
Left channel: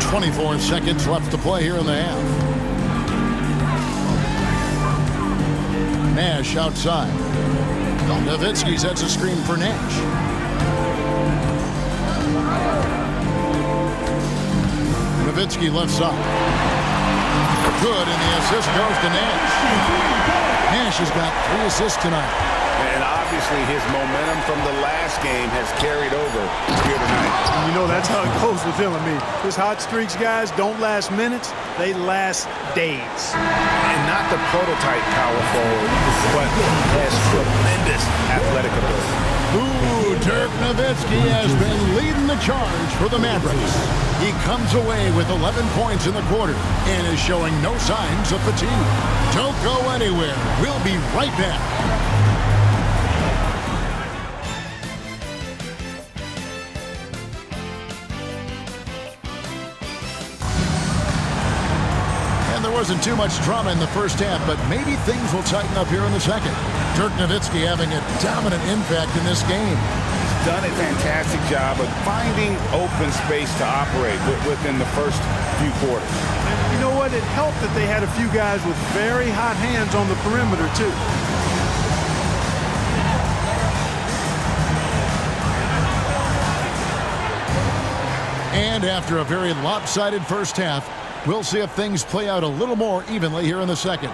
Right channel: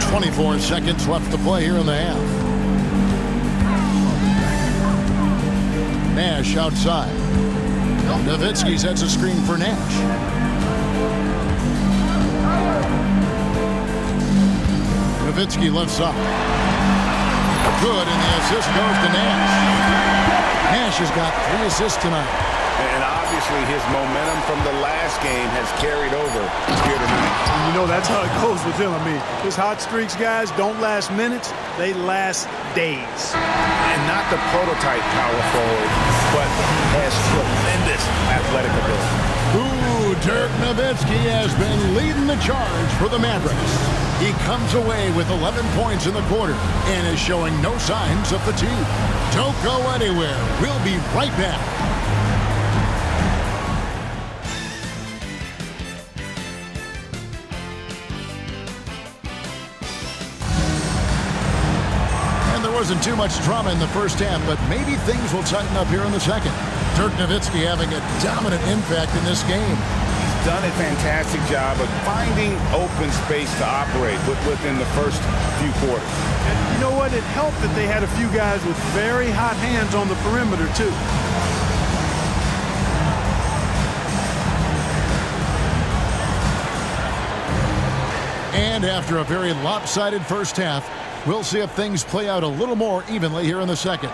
24 seconds left to play here in the half. Nash outside. Nowitzki sets a screen for Nash. Nowitzki left side. Good, and the assist goes to Nash. Nash has got 3 assists tonight. And obviously his momentum from the last game has carried over here tonight. And you know, that's how it goes with him. I mean, his hot streaks, guys, don't last minutes. They last days. And not the prototype power forward, but he has tremendous athletic ability. Ooh, Dirk Nowitzki has been leading the charge for the Mavericks. He comes away with 11 points in the quarter and is showing no signs of fatigue. Don't go anywhere. We'll be right back. And there wasn't too much drama in the first half, but maybe things will tighten up here in the second. Dirk Nowitzki having a dominant impact in this game. He's done a fantastic job of finding open space to operate within the first few quarters. And you know what? It helped that they had a few guys with very hot hands on the perimeter, too. And after a very lopsided first half, we'll see if things play out a little more evenly here in the second.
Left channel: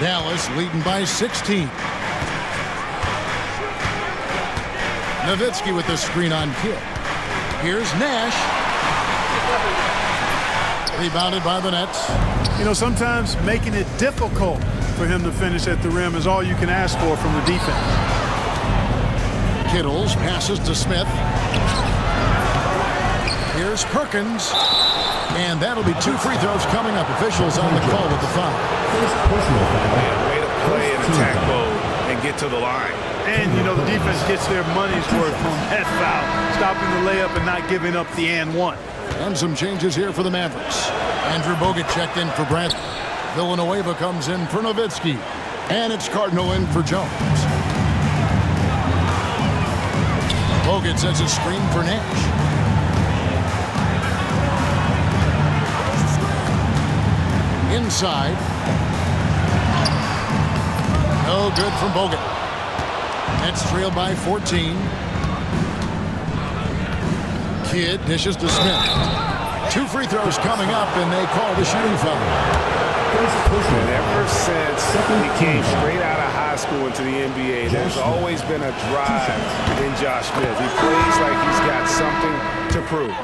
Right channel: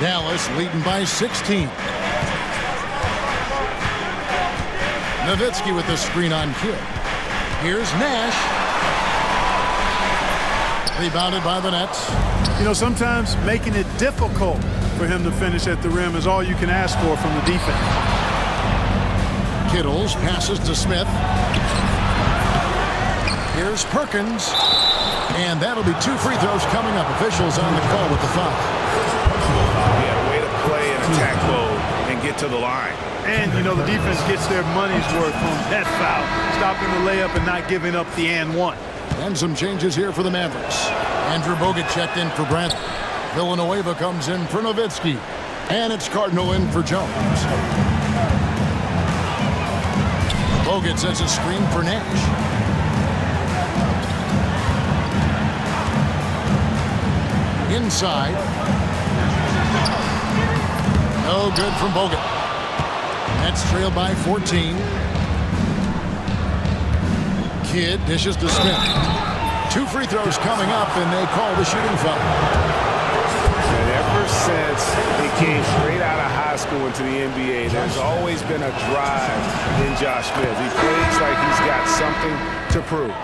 Dallas leading by 16. Nowitzki with the screen on Kidd. Here's Nash. Rebounded by the Nets. You know, sometimes making it difficult for him to finish at the rim is all you can ask for from the defense. Kittles passes to Smith. Here's Perkins. And that'll be 2 free throws coming up. Officials on the call with the foul. Yeah, way to play in attack mode and get to the line. And, you know, the defense gets their money's worth on that foul, stopping the layup and not giving up the and one. And some changes here for the Mavericks. Andrew Bogut checked in for Bradley. Villanueva comes in for Nowitzki. And it's Cardinal in for Jones. Bogut sets a screen for Nash. Inside. No good from Bogut. Nets trail by 14. Kidd dishes to Smith. 2 free throws coming up, and they call the shooting foul. And ever since he came straight out of high school into the NBA, there's always been a drive in Josh Smith. He plays like he's got something to prove.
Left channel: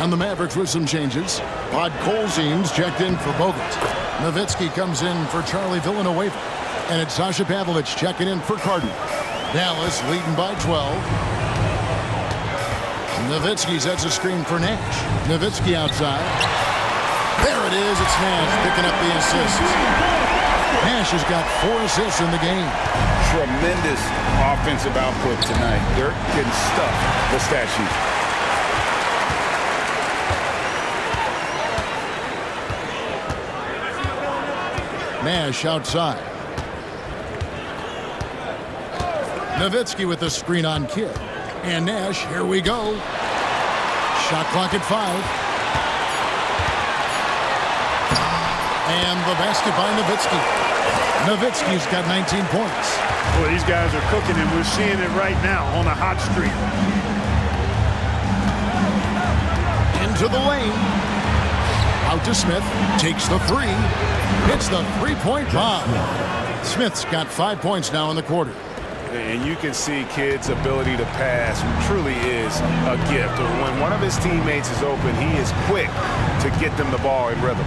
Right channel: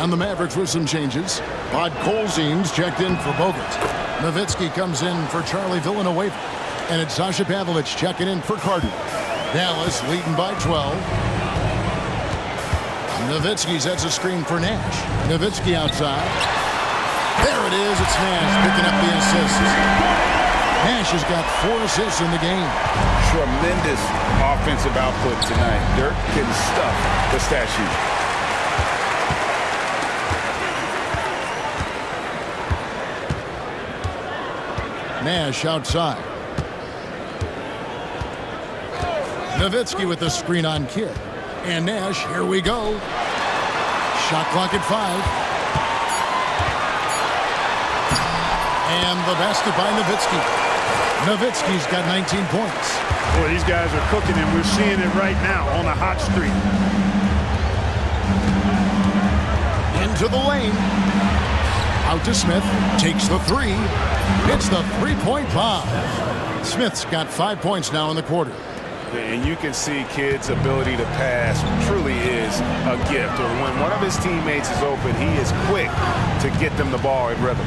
And the Mavericks with some changes. Podkolzin's checked in for Bogut. Nowitzki comes in for Charlie Villanueva. And it's Sasha Pavlovich checking in for Cardinal. Dallas leading by 12. Nowitzki sets a screen for Nash. Nowitzki outside. There it is. It's Nash picking up the assist. Nash has got 4 assists in the game. Tremendous offensive output tonight. Dirk can stuff the stat sheet. Nash outside. Nowitzki with the screen on Kidd. And Nash, here we go. Shot clock at 5. And the basket by Nowitzki. Nowitzki's got 19 points. Boy, these guys are cooking, and we're seeing it right now on a hot streak. Into the lane. Out to Smith. Takes the 3. Hits the 3-point bomb. Smith's got 5 points now in the quarter. And you can see Kidd's ability to pass truly is a gift. When one of his teammates is open, he is quick to get them the ball in rhythm.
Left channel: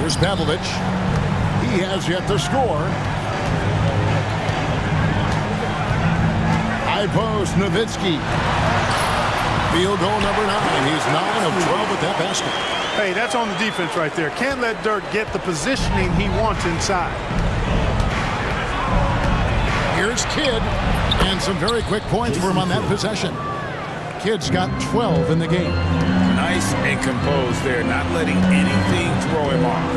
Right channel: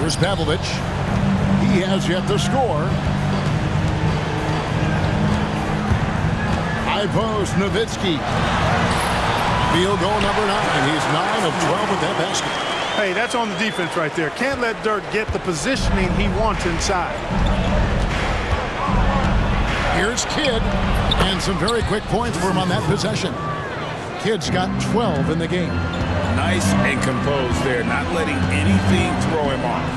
Here's Pavlovich. He has yet to score. High post, Nowitzki. Field goal number 9. He's 9 of 12 with that basket. Hey, that's on the defense right there. Can't let Dirk get the positioning he wants inside. Here's Kidd, and some very quick points for him on that possession. Kidd's got 12 in the game. Nice and composed there, not letting anything throw him off.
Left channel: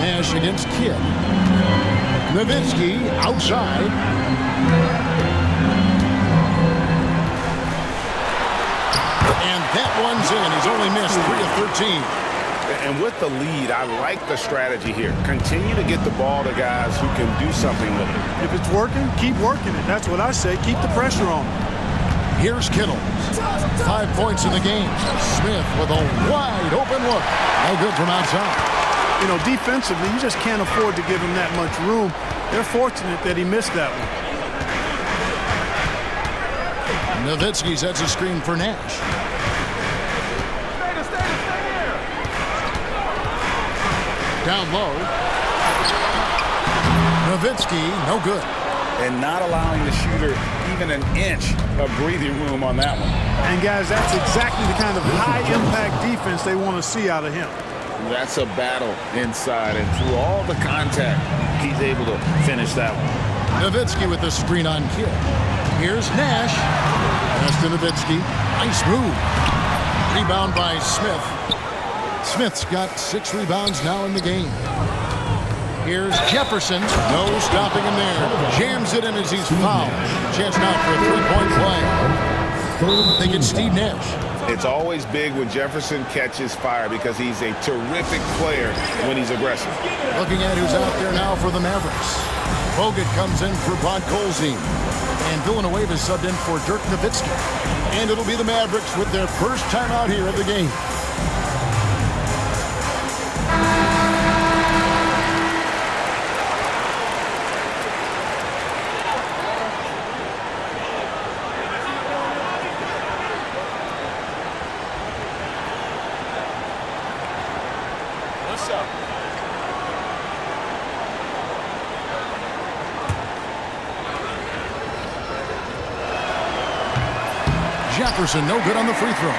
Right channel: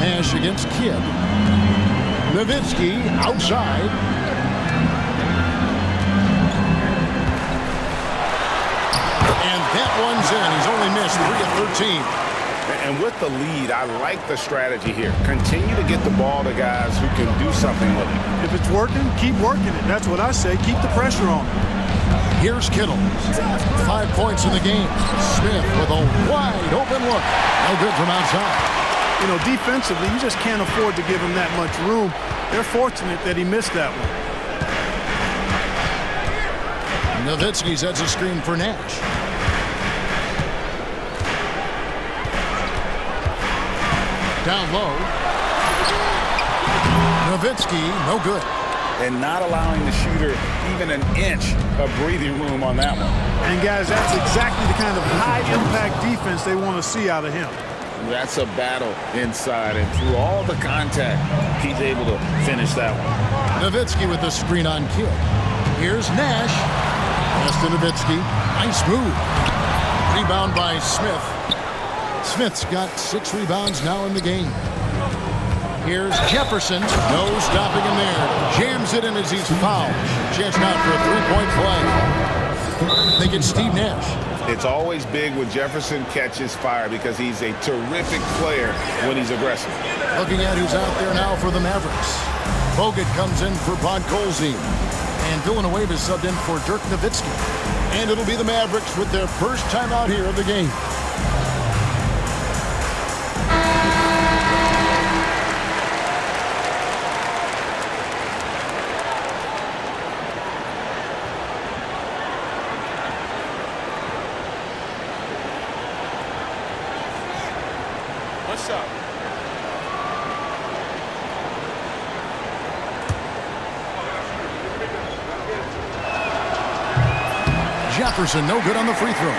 Nash against Kidd. Nowitzki outside. And that one's in. He's only missed 3 of 13. And with the lead, I like the strategy here. Continue to get the ball to guys who can do something with it. If it's working, keep working it. That's what I say. Keep the pressure on him. Here's Kittle. 5 points in the game. Smith with a wide open look. No good from outside. You know, defensively, you just can't afford to give him that much room. They're fortunate that he missed that one. Nowitzki sets a screen for Nash. Down low. Nowitzki, no good. And not allowing the shooter even an inch of breathing room on that one. And, guys, that's exactly the kind of high-impact defense they want to see out of him. That's a battle inside, and through all the contact, he's able to finish that one. Nowitzki with the screen on Kidd. Here's Nash. Pass to Nowitzki. Nice move. Rebound by Smith. Smith's got 6 rebounds now in the game. Here's Jefferson. No stopping him there. Jams it in as he's fouled. Chance now for a 3-point play. They get Steve Nash. It's always big when Jefferson catches fire because he's a terrific player when he's aggressive. Looking at who's out there now for the Mavericks. Bogut comes in for Podkolzin. And Villanueva is subbed in for Dirk Nowitzki. And it'll be the Mavericks with their first timeout here of the game. What's up? Jefferson, no good on the free throw.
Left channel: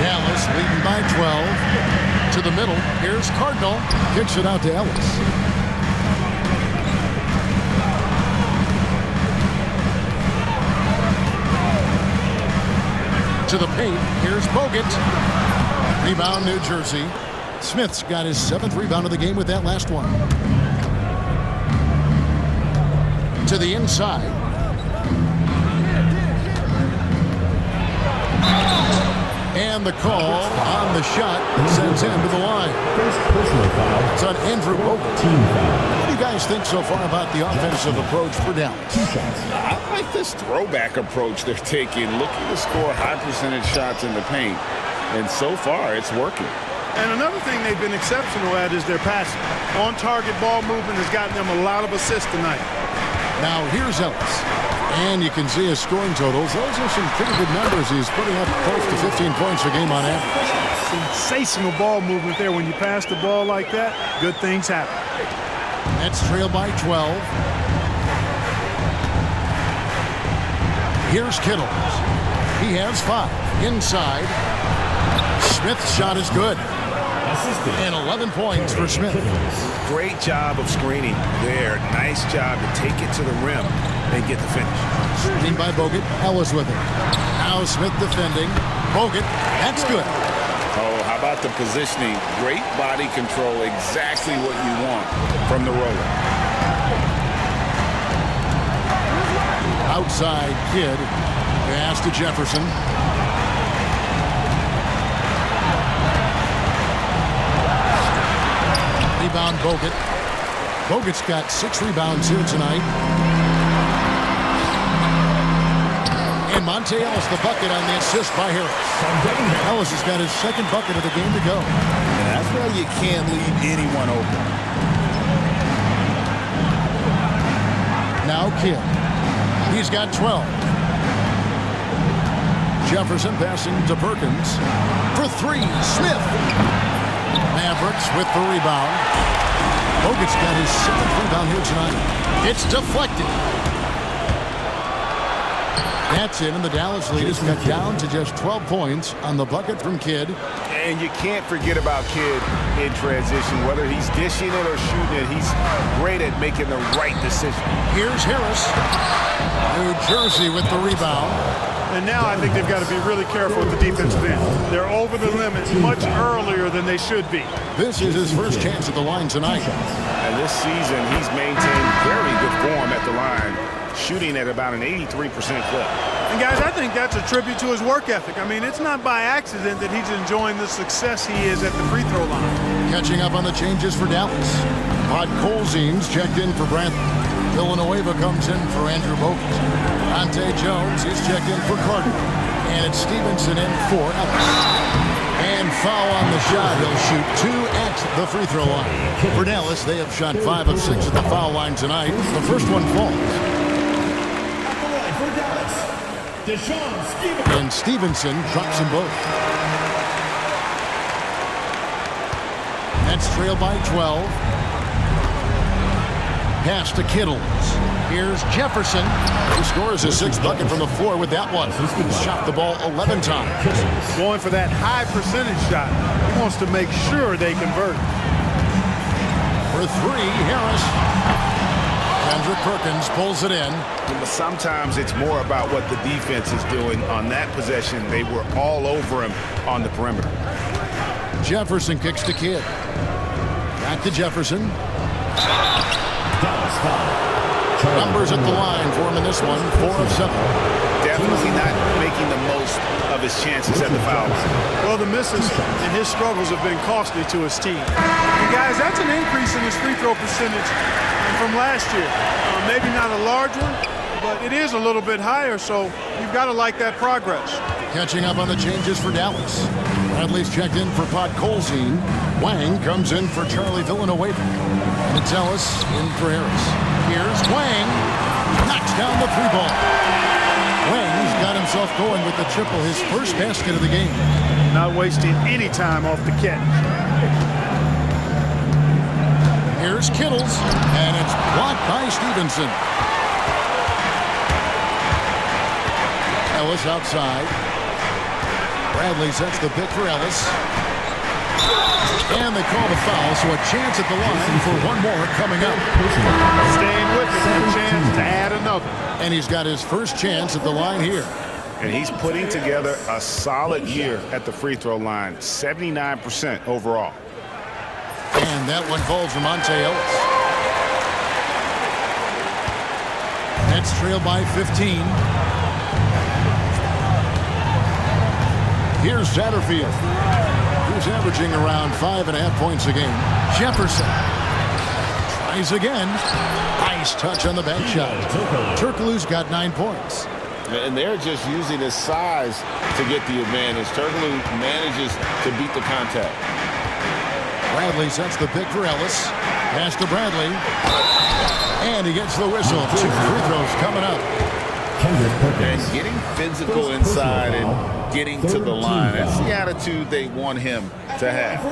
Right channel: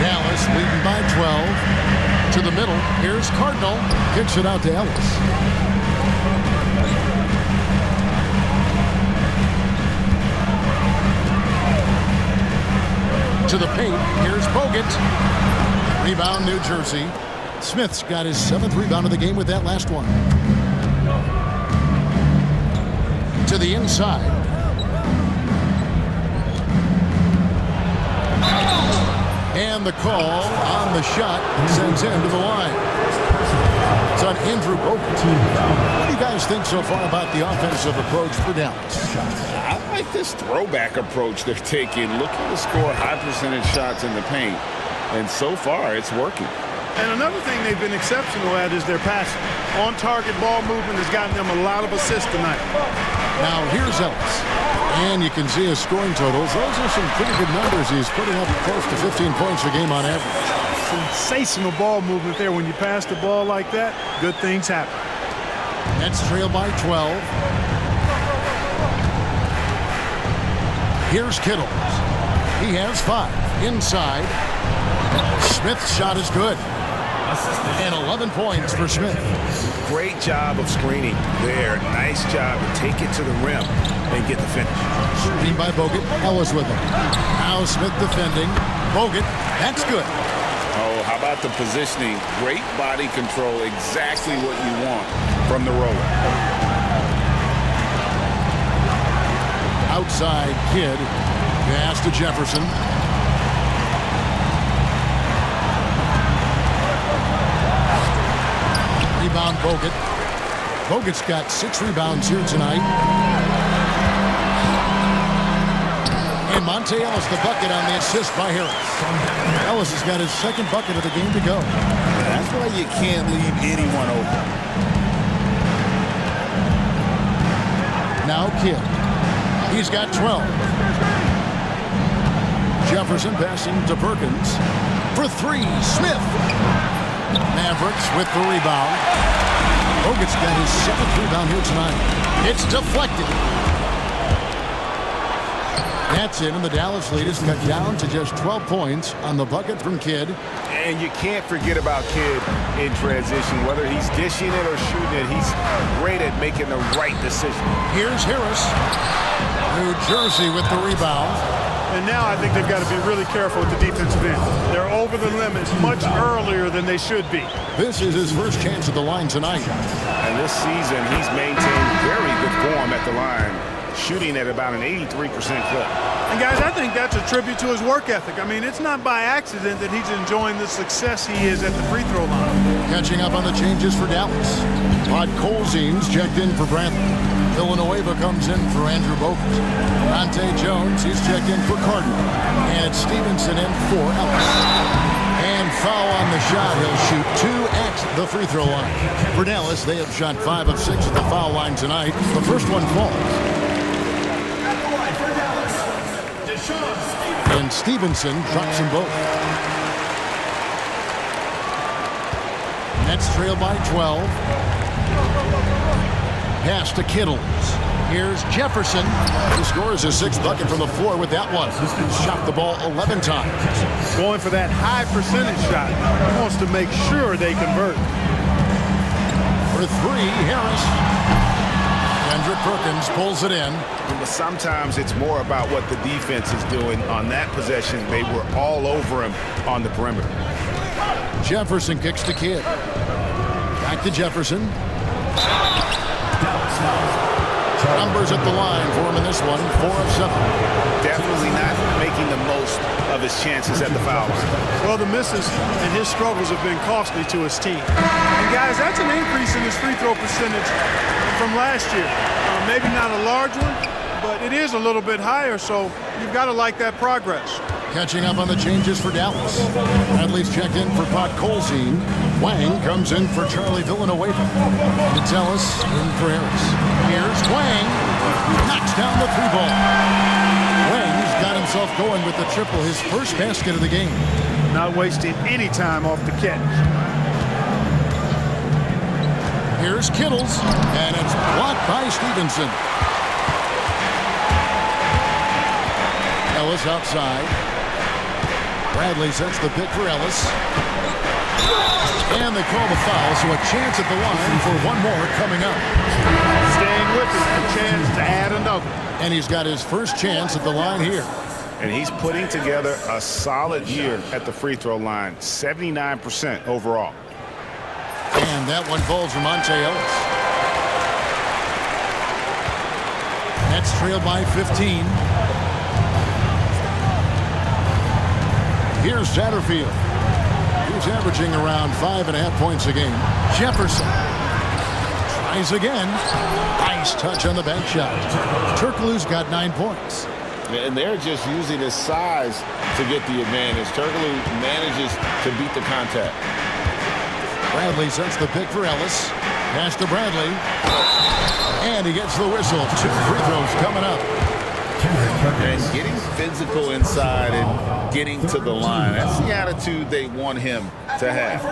Dallas leading by 12. To the middle, here's Cardinal. Kicks it out to Ellis. To the paint, here's Bogut. Rebound, New Jersey. Smith's got his 7th rebound of the game with that last one. To the inside. And the call on the shot sends him to the line. It's on Andrew Bogut. What do you guys think so far about the offensive approach for Dallas? I like this throwback approach they're taking, looking to score high percentage shots in the paint. And so far, it's working. And another thing they've been exceptional at is their passing. On-target ball movement has gotten them a lot of assists tonight. Now here's Ellis. And you can see his scoring totals. Those are some pretty good numbers. He's putting up close to 15 points a game on average. Sensational ball movement there. When you pass the ball like that, good things happen. Nets trail by 12. Here's Kittle. He has 5. Inside. Smith's shot is good. And 11 points for Smith. Great job of screening there. Nice job to take it to the rim and get the finish. Screen by Bogut. Ellis with him. Now Smith defending. Bogut. That's good. Oh, how about the positioning? Great body control. Exactly what you want from the roller. Outside Kidd. Pass to Jefferson. Rebound Bogut. Bogut's got 6 rebounds here tonight. And Monte Ellis the bucket on the assist by Harris. Ellis has got his 2nd bucket of the game to go. Yeah, that's why you can't leave anyone open. Now Kidd. He's got 12. Jefferson passing to Perkins. For 3, Smith. Mavericks with the rebound. Bogut's got his 7th rebound here tonight. It's deflected. That's it, and the Dallas lead is cut down to just 12 points on the bucket from Kidd. And you can't forget about Kidd in transition. Whether he's dishing it or shooting it, he's great at making the right decision. Here's Harris. New Jersey with the rebound. And now I think they've got to be really careful with the defensive end. They're over the limit much earlier than they should be. This is his first chance at the line tonight. And this season, he's maintained very good form at the line, shooting at about an 83% clip. And guys, I think that's a tribute to his work ethic. I mean, it's not by accident that he's enjoying the success he is at the free throw line. Catching up on the changes for Dallas. Pod Colzine's checked in for Bradley. Villanueva comes in for Andrew Bogut. Dante Jones, he's checked in for Cardinal. And it's Stevenson in for Ellis. And foul on the shot. He'll shoot 2 at the free throw line. For Dallas, they have shot 5 of 6 at the foul line tonight. The first one falls. At the line for Dallas, Deshaun Stevenson. And Stevenson drops them both. Nets trail by 12. Pass to Kittles. Here's Jefferson, who scores his 6th bucket from the floor with that one. He's shot the ball 11 times. Going for that high percentage shot. He wants to make sure they convert. For 3, Harris. Kendrick Perkins pulls it in. But sometimes it's more about what the defense is doing. On that possession, they were all over him on the perimeter. Jefferson kicks to Kidd. Back to Jefferson. Numbers at the line for him in this one, 4 of 7. Definitely not making the most of his chances at the foul line. Well, the misses and his struggles have been costly to his team. And guys, that's an increase in his free throw percentage from last year. Maybe not a large one, but it is a little bit higher, so you've got to like that progress. Catching up on the changes for Dallas. Bradley's checked in for Pot Colzine. Wang comes in for Charlie Villanueva. Metellus in for Harris. Here's Wang. Knocks down the three ball. Wang's got himself going with the triple, his first basket of the game. Not wasting any time off the catch. Here's Kittles, and it's blocked by Stevenson. Ellis outside. Bradley sets the pick for Ellis. And they call the foul, so a chance at the line for one more coming up. Staying with it, a chance to add another. And he's got his first chance at the line here. And he's putting together a solid year at the free throw line, 79% overall. And that one falls for Monte Ellis. Nets trail by 15. Here's Satterfield. He's averaging around 5.5 points a game. Jefferson tries again. Nice touch on the bank shot. Turkoglu's got 9 points. And they're just using his size to get the advantage. Turkoglu manages to beat the contact. Bradley sets the pick for Ellis. Pass to Bradley. And he gets the whistle. 2 free throws coming up. And getting physical inside and getting to the line. That's the attitude they want him to have.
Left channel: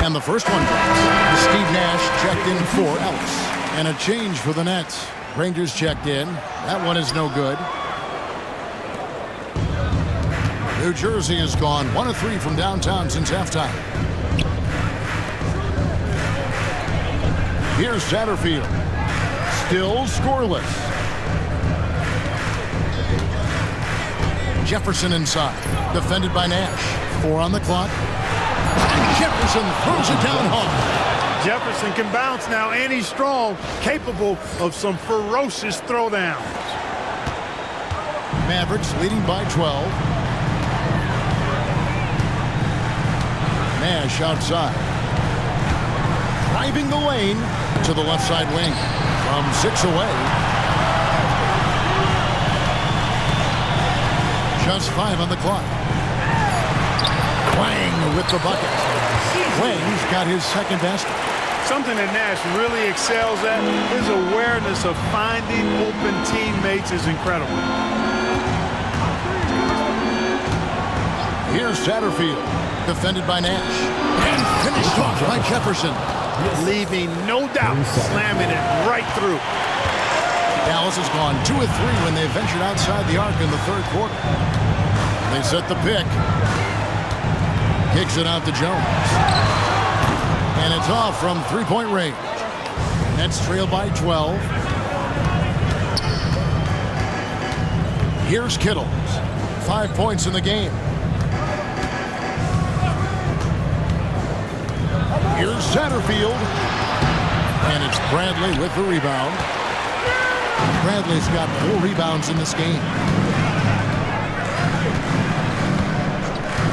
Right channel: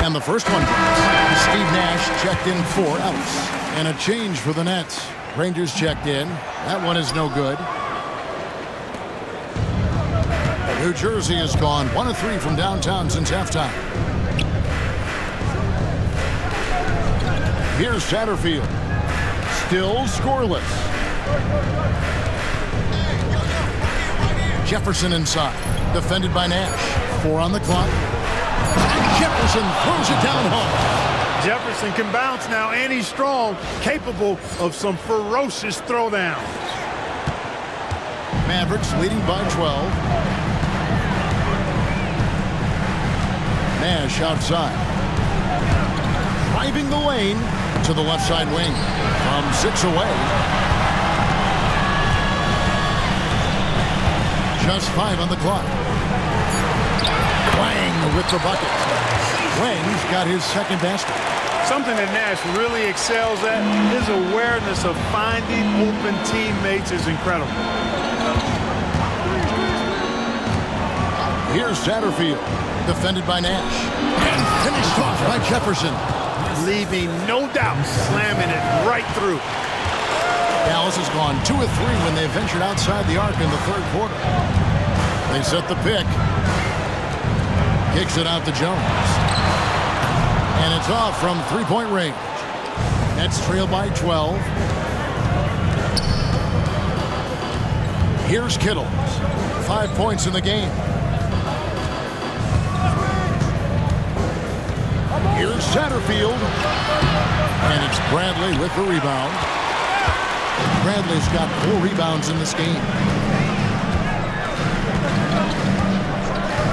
And the first one drops. Steve Nash checked in for Ellis. And a change for the Nets. Rangers checked in. That one is no good. New Jersey has gone 1 of 3 from downtown since halftime. Here's Satterfield. Still scoreless. Jefferson inside. Defended by Nash. 4 on the clock. And Jefferson throws it down hard. Jefferson can bounce now, and he's strong, capable of some ferocious throwdowns. Mavericks leading by 12. Nash outside. Driving the lane to the left side wing. From 6 away. Just 5 on the clock. Wang with the bucket. Wang's got his second basket. Something that Nash really excels at, his awareness of finding open teammates is incredible. Here's Satterfield. Defended by Nash. And finished off by Jefferson. Leaving no doubt, slamming it right through. Dallas has gone 2 of 3 when they ventured outside the arc in the third quarter. They set the pick. Kicks it out to Jones. And it's off from 3-point range. Nets trail by 12. Here's Kittles. 5 points in the game. Here's Satterfield. And it's Bradley with the rebound. Bradley's got 4 rebounds in this game.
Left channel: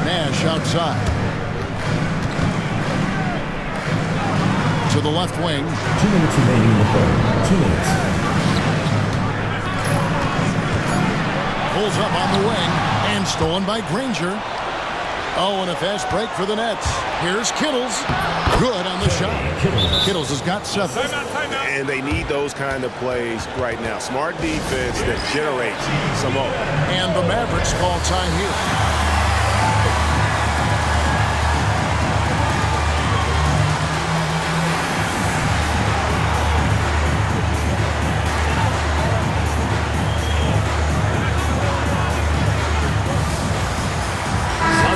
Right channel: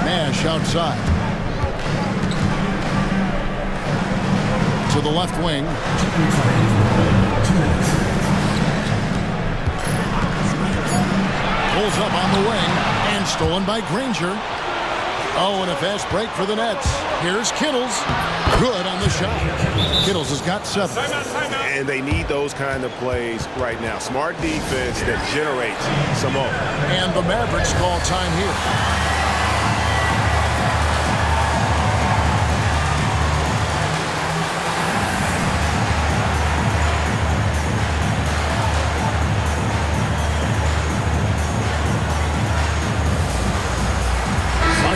Nash outside. To the left wing. 2 minutes remaining in the quarter. 2 minutes. Pulls up on the wing and stolen by Granger. Oh, and a fast break for the Nets. Here's Kittles. Good on the shot. Kittles has got 7. Timeout. And they need those kind of plays right now. Smart defense that generates some more. And the Mavericks call time here.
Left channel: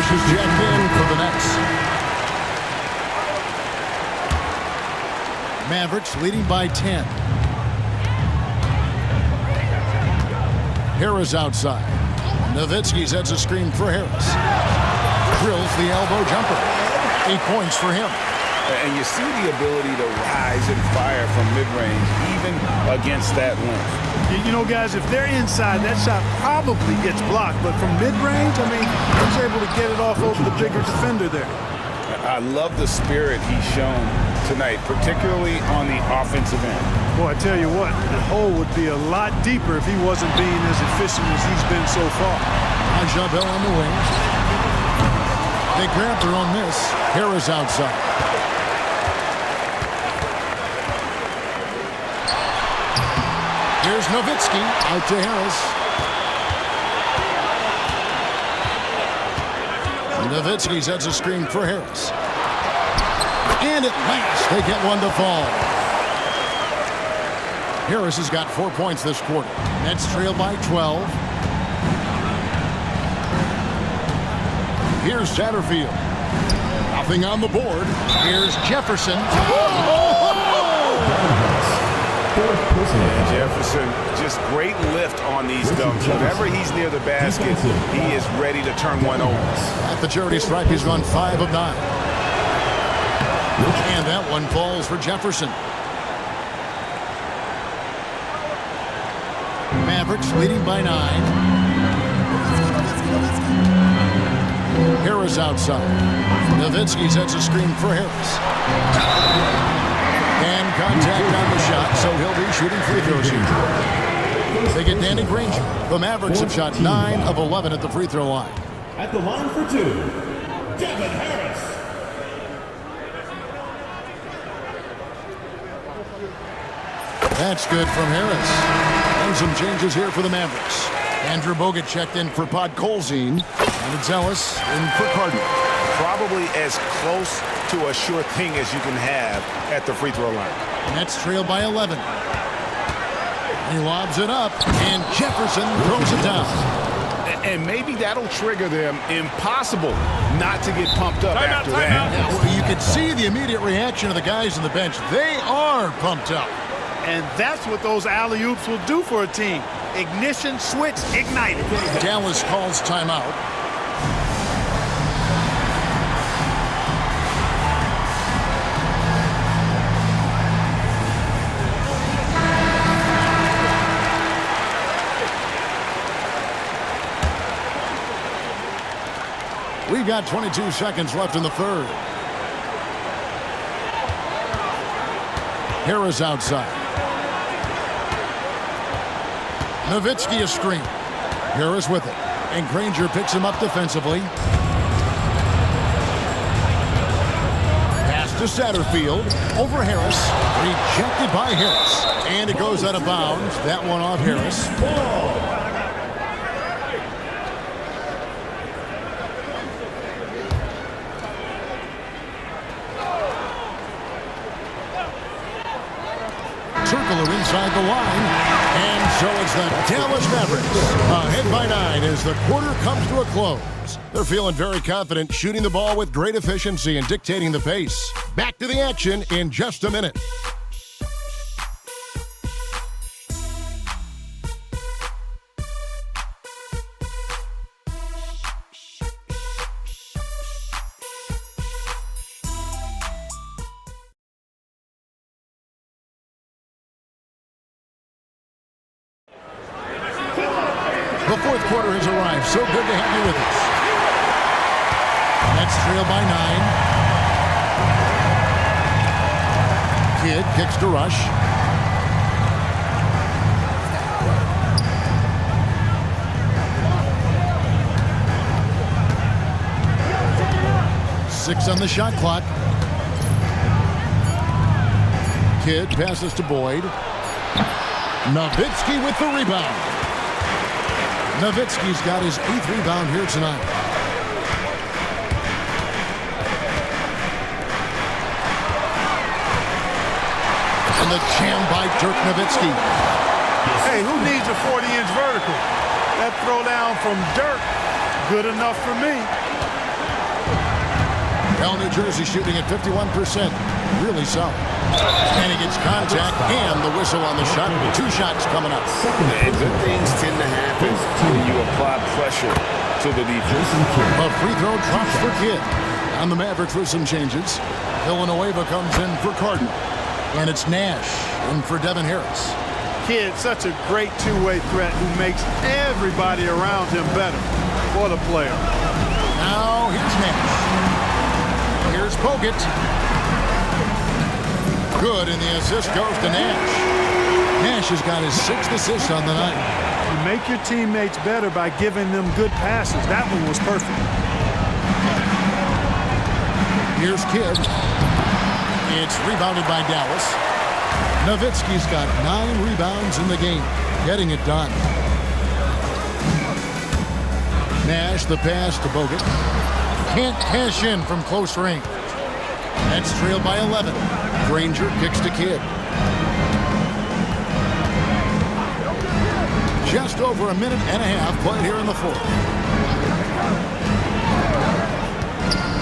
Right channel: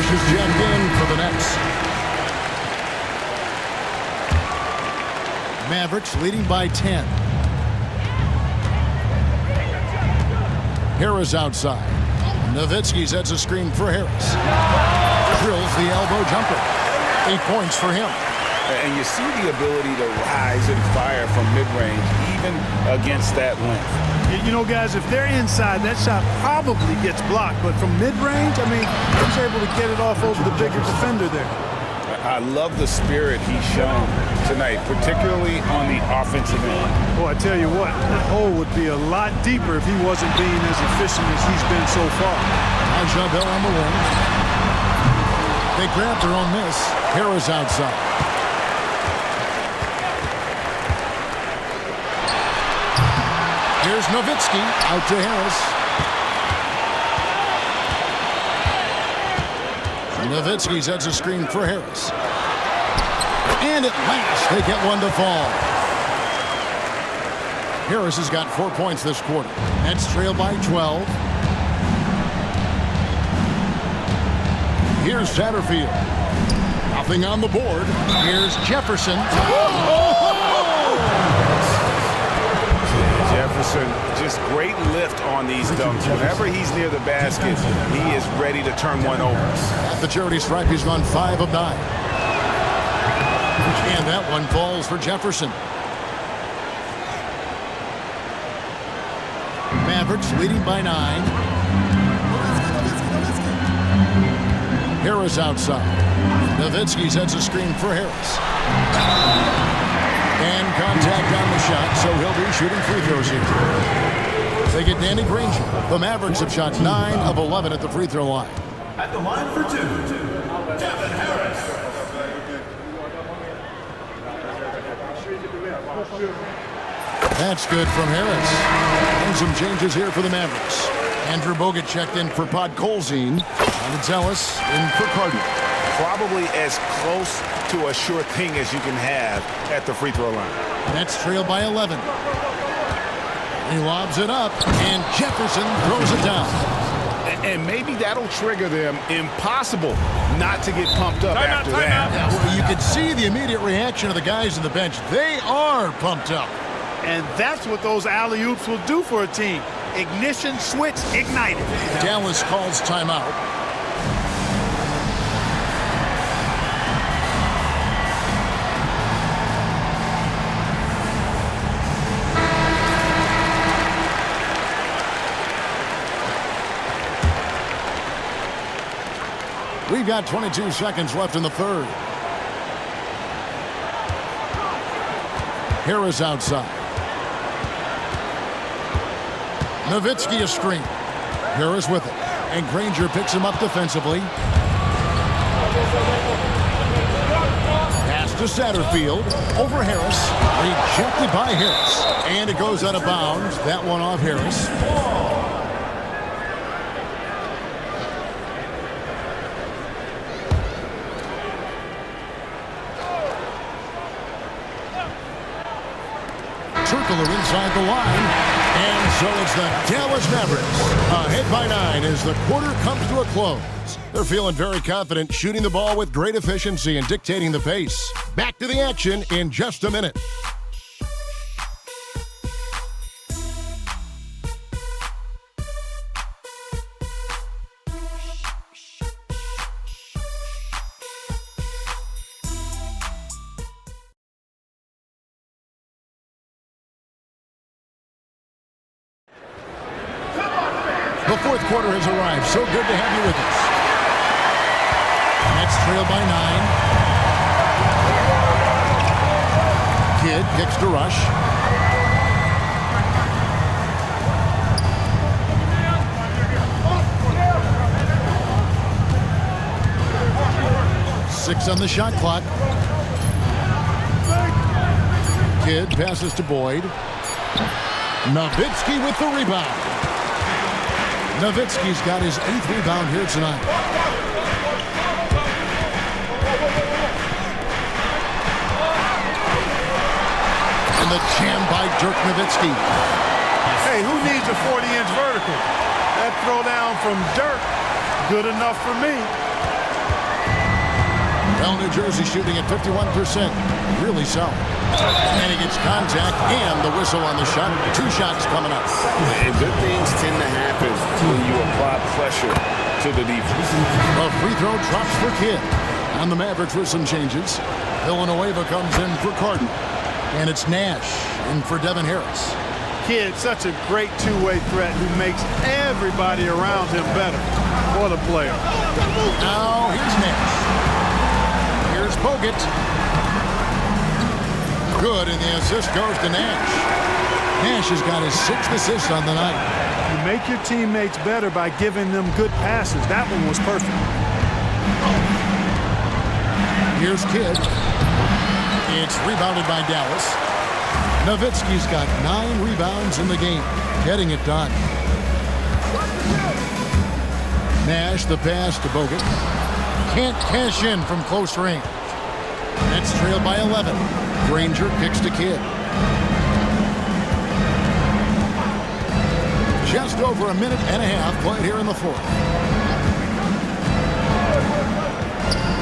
Is jacked in for the Nets. Mavericks leading by 10. Harris outside. Nowitzki sets a screen for Harris. Drills the elbow jumper. 8 points for him. And you see the ability to rise and fire from mid-range, even against that length. You know, guys, if they're inside, that shot probably gets blocked. But from mid-range, I mean, he's able to get it off over the bigger defender there. I love the spirit he's shown tonight, particularly on the offensive end. Boy, I tell you what, the hole would be a lot deeper if he wasn't being as efficient as he's been so far. Bell on the wing. They grab their own miss. Harris outside. Here's Nowitzki out to Harris. Nowitzki sets a screen for Harris. And at last, they get one to fall. Harris has got 4 points this quarter. Nets trail by 12. Here's Satterfield. Nothing on the board. Here's Jefferson. Jefferson, just great lift on these dunks. Whenever he's near the basket, he is ready to turn one over. At the charity stripe, he's gone 5 of 9. And that one falls for Jefferson. Mavericks leading by 9. Harris outside. Nowitzki sets a screen for Harris. And contact on the shot, so he'll be shooting free throws here. They get Danny Granger. The Mavericks have shot 9 of 11 at the free throw line. At the line for 2, Devin Harris. That's good from Harris. And some changes here for the Mavericks. Andrew Bogut checked in for Pod Colzine. And it's Ellis in for Cardinal. Probably as close to a sure thing as you can have at the free throw line. Nets trail by 11. He lobs it up, and Jefferson throws it down. And maybe that'll trigger them. Impossible not to get pumped up after that. Yeah, well, you could see the immediate reaction of the guys on the bench. They are pumped up. And that's what those alley-oops will do for a team. Ignition switch ignited. Dallas calls timeout. We've got 22 seconds left in the third. Harris outside. Nowitzki a screen. Harris with it. And Granger picks him up defensively. Pass to Satterfield. Over Harris. Rejected by Harris. And it goes out of bounds. That one off Harris. Circler inside the line. And so it's the Dallas Mavericks ahead by 9 as the quarter comes to a close. They're feeling very confident, shooting the ball with great efficiency and dictating the pace. Back to the action in just a minute. The fourth quarter has arrived. So good to have you with us. Nets trail by 9. Kidd kicks to Rush. Six on the shot clock. Kidd passes to Boyd. Nowitzki with the rebound. Nowitzki's got his 8th rebound here tonight. And the jam by Dirk Nowitzki. Hey, who needs a 40-inch vertical? That throwdown from Dirk, good enough for me. Well, New Jersey shooting at 51%. Really solid. And he gets contact and the whistle on the shot. 2 shots coming up. And good things tend to happen when you apply pressure to the defense. A free throw drops for Kidd. On the Mavericks with some changes. Villanueva comes in for Cardinal. And it's Nash in for Devin Harris. Kidd, such a great two-way threat who makes everybody around him better. What a player. Now here's Nash. Here's Bogut. Good, and the assist goes to Nash. Nash has got his 6th assist on the night. You make your teammates better by giving them good passes. That one was perfect. Here's Kidd. It's rebounded by Dallas. Nowitzki's got 9 rebounds in the game, getting it done. Nash, the pass to Bogut. Can't cash in from close range. Nets trailed by 11. Granger kicks to Kidd. Just over a minute and a half played here in the 4th.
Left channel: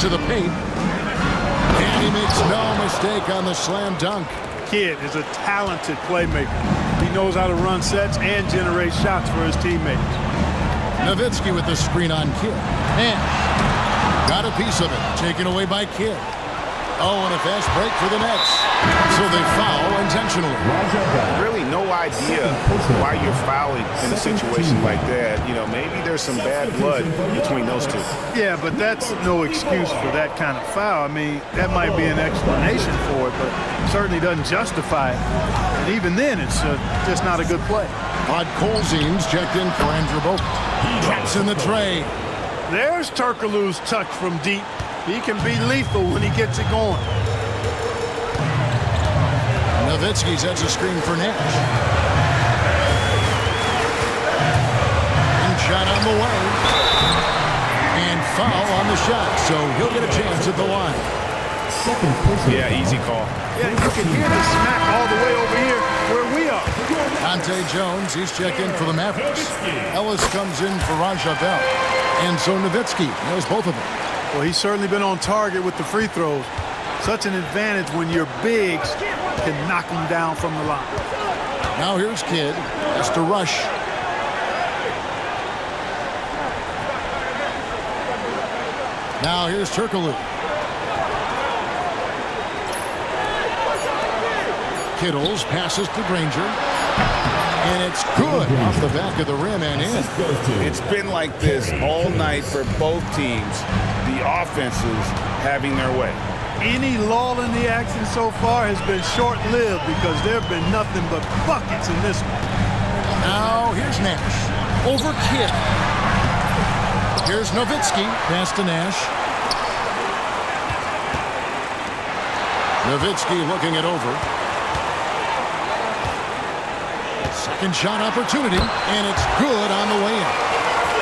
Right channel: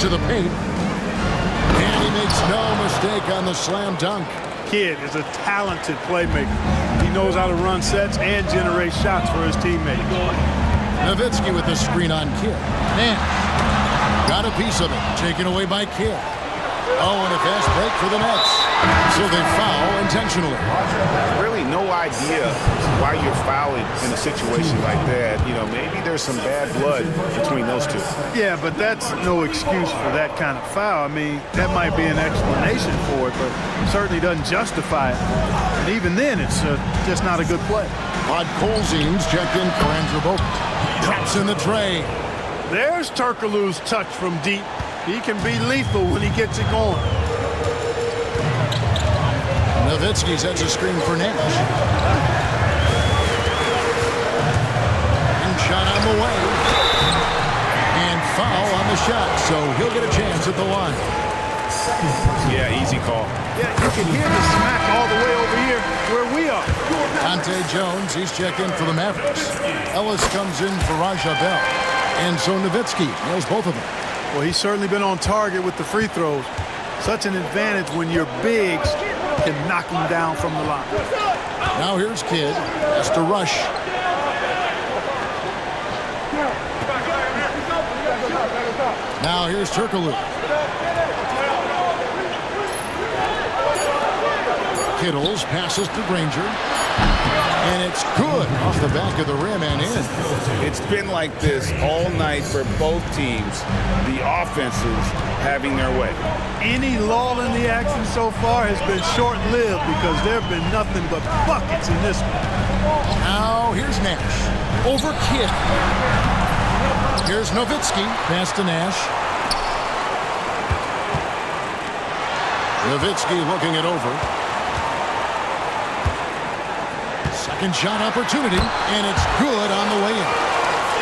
To the paint. And he makes no mistake on the slam dunk. Kidd is a talented playmaker. He knows how to run sets and generate shots for his teammates. Nowitzki with the screen on Kidd. Nash got a piece of it, taken away by Kidd. Oh, and a fast break for the Nets. So they foul intentionally. Really no idea why you're fouling in a situation like that. You know, maybe there's some bad blood between those two. Yeah, but that's no excuse for that kind of foul. I mean, that might be an explanation for it, but certainly doesn't justify it. And even then, it's just not a good play. Podkolzin's checked in for Andrew Bogut. Drops in the tray. There's Turkoglu's touch from deep. He can be lethal when he gets it going. Nowitzki sets a screen for Nash. And shot on the way. And foul on the shot, so he'll get a chance at the line. Yeah, easy call. Yeah, you can hear the smack all the way over here where we are. Dante Jones, he's checked in for the Mavericks. Ellis comes in for Raja Bell. And so Nowitzki nails both of them. Well, he's certainly been on target with the free throws. Such an advantage when your bigs can knock them down from the line. Now here's Kidd. Has to rush. Now here's Turkoglu. Kittles passes to Granger. And it's good off the back of the rim and in. It's been like this all night for both teams. The offenses having their way. Any lull in the action so far has been short-lived because there have been nothing but buckets in this one. Now here's Nash. Over Kidd. Here's Nowitzki. Pass to Nash. Nowitzki looking it over. Second shot opportunity, and it's good on the way in.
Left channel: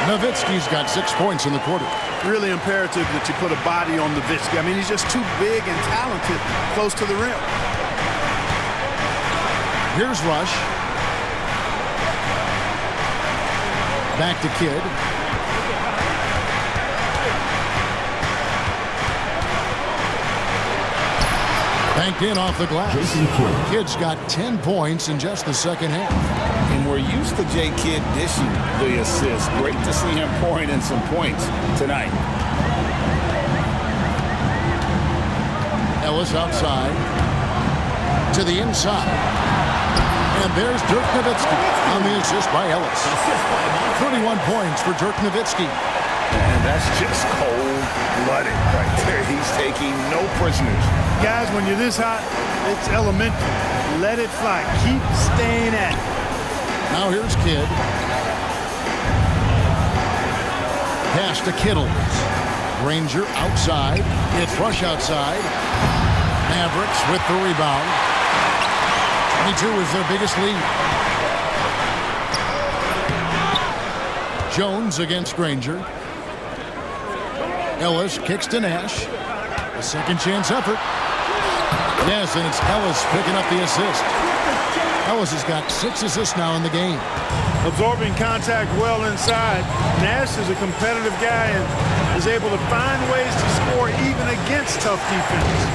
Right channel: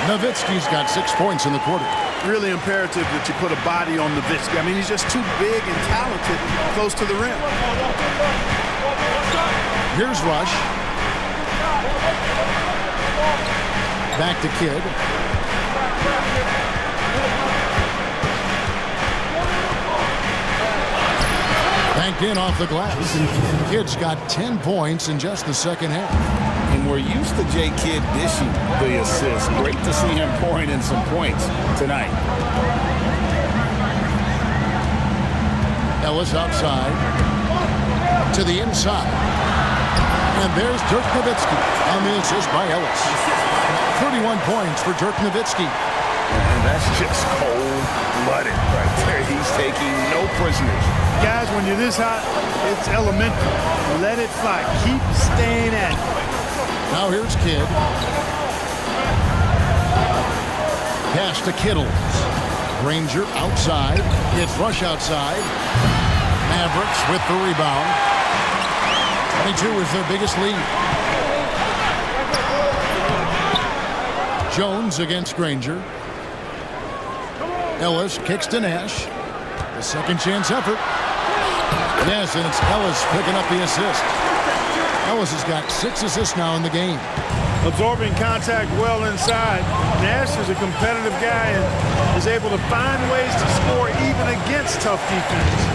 Nowitzki's got 6 points in the quarter. Really imperative that you put a body on Nowitzki. I mean, he's just too big and talented close to the rim. Here's Rush. Back to Kidd. Banked in off the glass. Kidd's got 10 points in just the second half. And we're used to J. Kidd dishing the assist. Great to see him pouring in some points tonight. Ellis outside. To the inside. And there's Dirk Nowitzki on the assist by Ellis. 31 points for Dirk Nowitzki. And that's just cold-blooded right there. He's taking no prisoners. Guys, when you're this hot, it's elementary. Let it fly. Keep staying at it. Now here's Kidd. Pass to Kittles. Granger outside. It's Rush outside. Mavericks with the rebound. 22 is their biggest lead. Jones against Granger. Ellis kicks to Nash. A second chance effort. Yes, and it's Ellis picking up the assist. Ellis has got 6 assists now in the game. Absorbing contact well inside. Nash is a competitive guy and is able to find ways to score even against tough defense.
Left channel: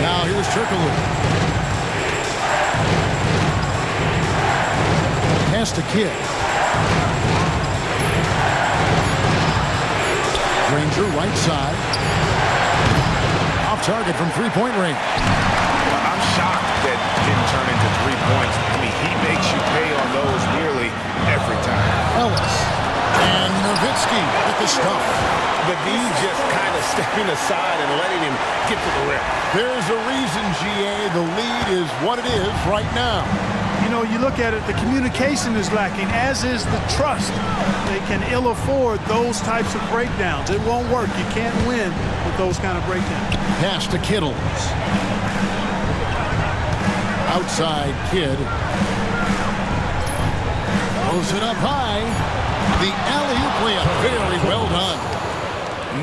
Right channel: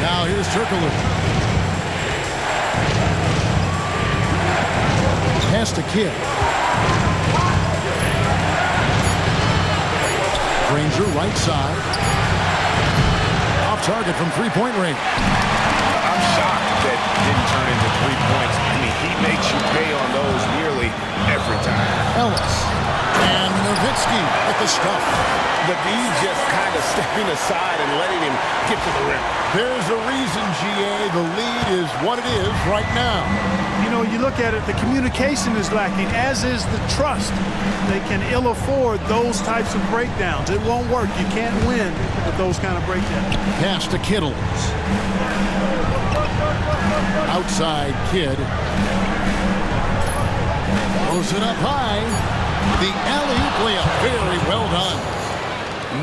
Now here's Turkoglu. Pass to Kidd. Granger right side. Off target from three-point range. I'm shocked that didn't turn into 3 points. I mean, he makes you pay on those nearly every time. Ellis. And Nowitzki with the stuff. The D just kind of stepping aside and letting him get to the rim. There's a reason, GA, the lead is what it is right now. You know, you look at it, the communication is lacking, as is the trust. They can ill afford those types of breakdowns. It won't work. You can't win with those kind of breakdowns. Pass to Kittles. Outside Kidd. Throws it up high. The alley-oop layup. Very well done.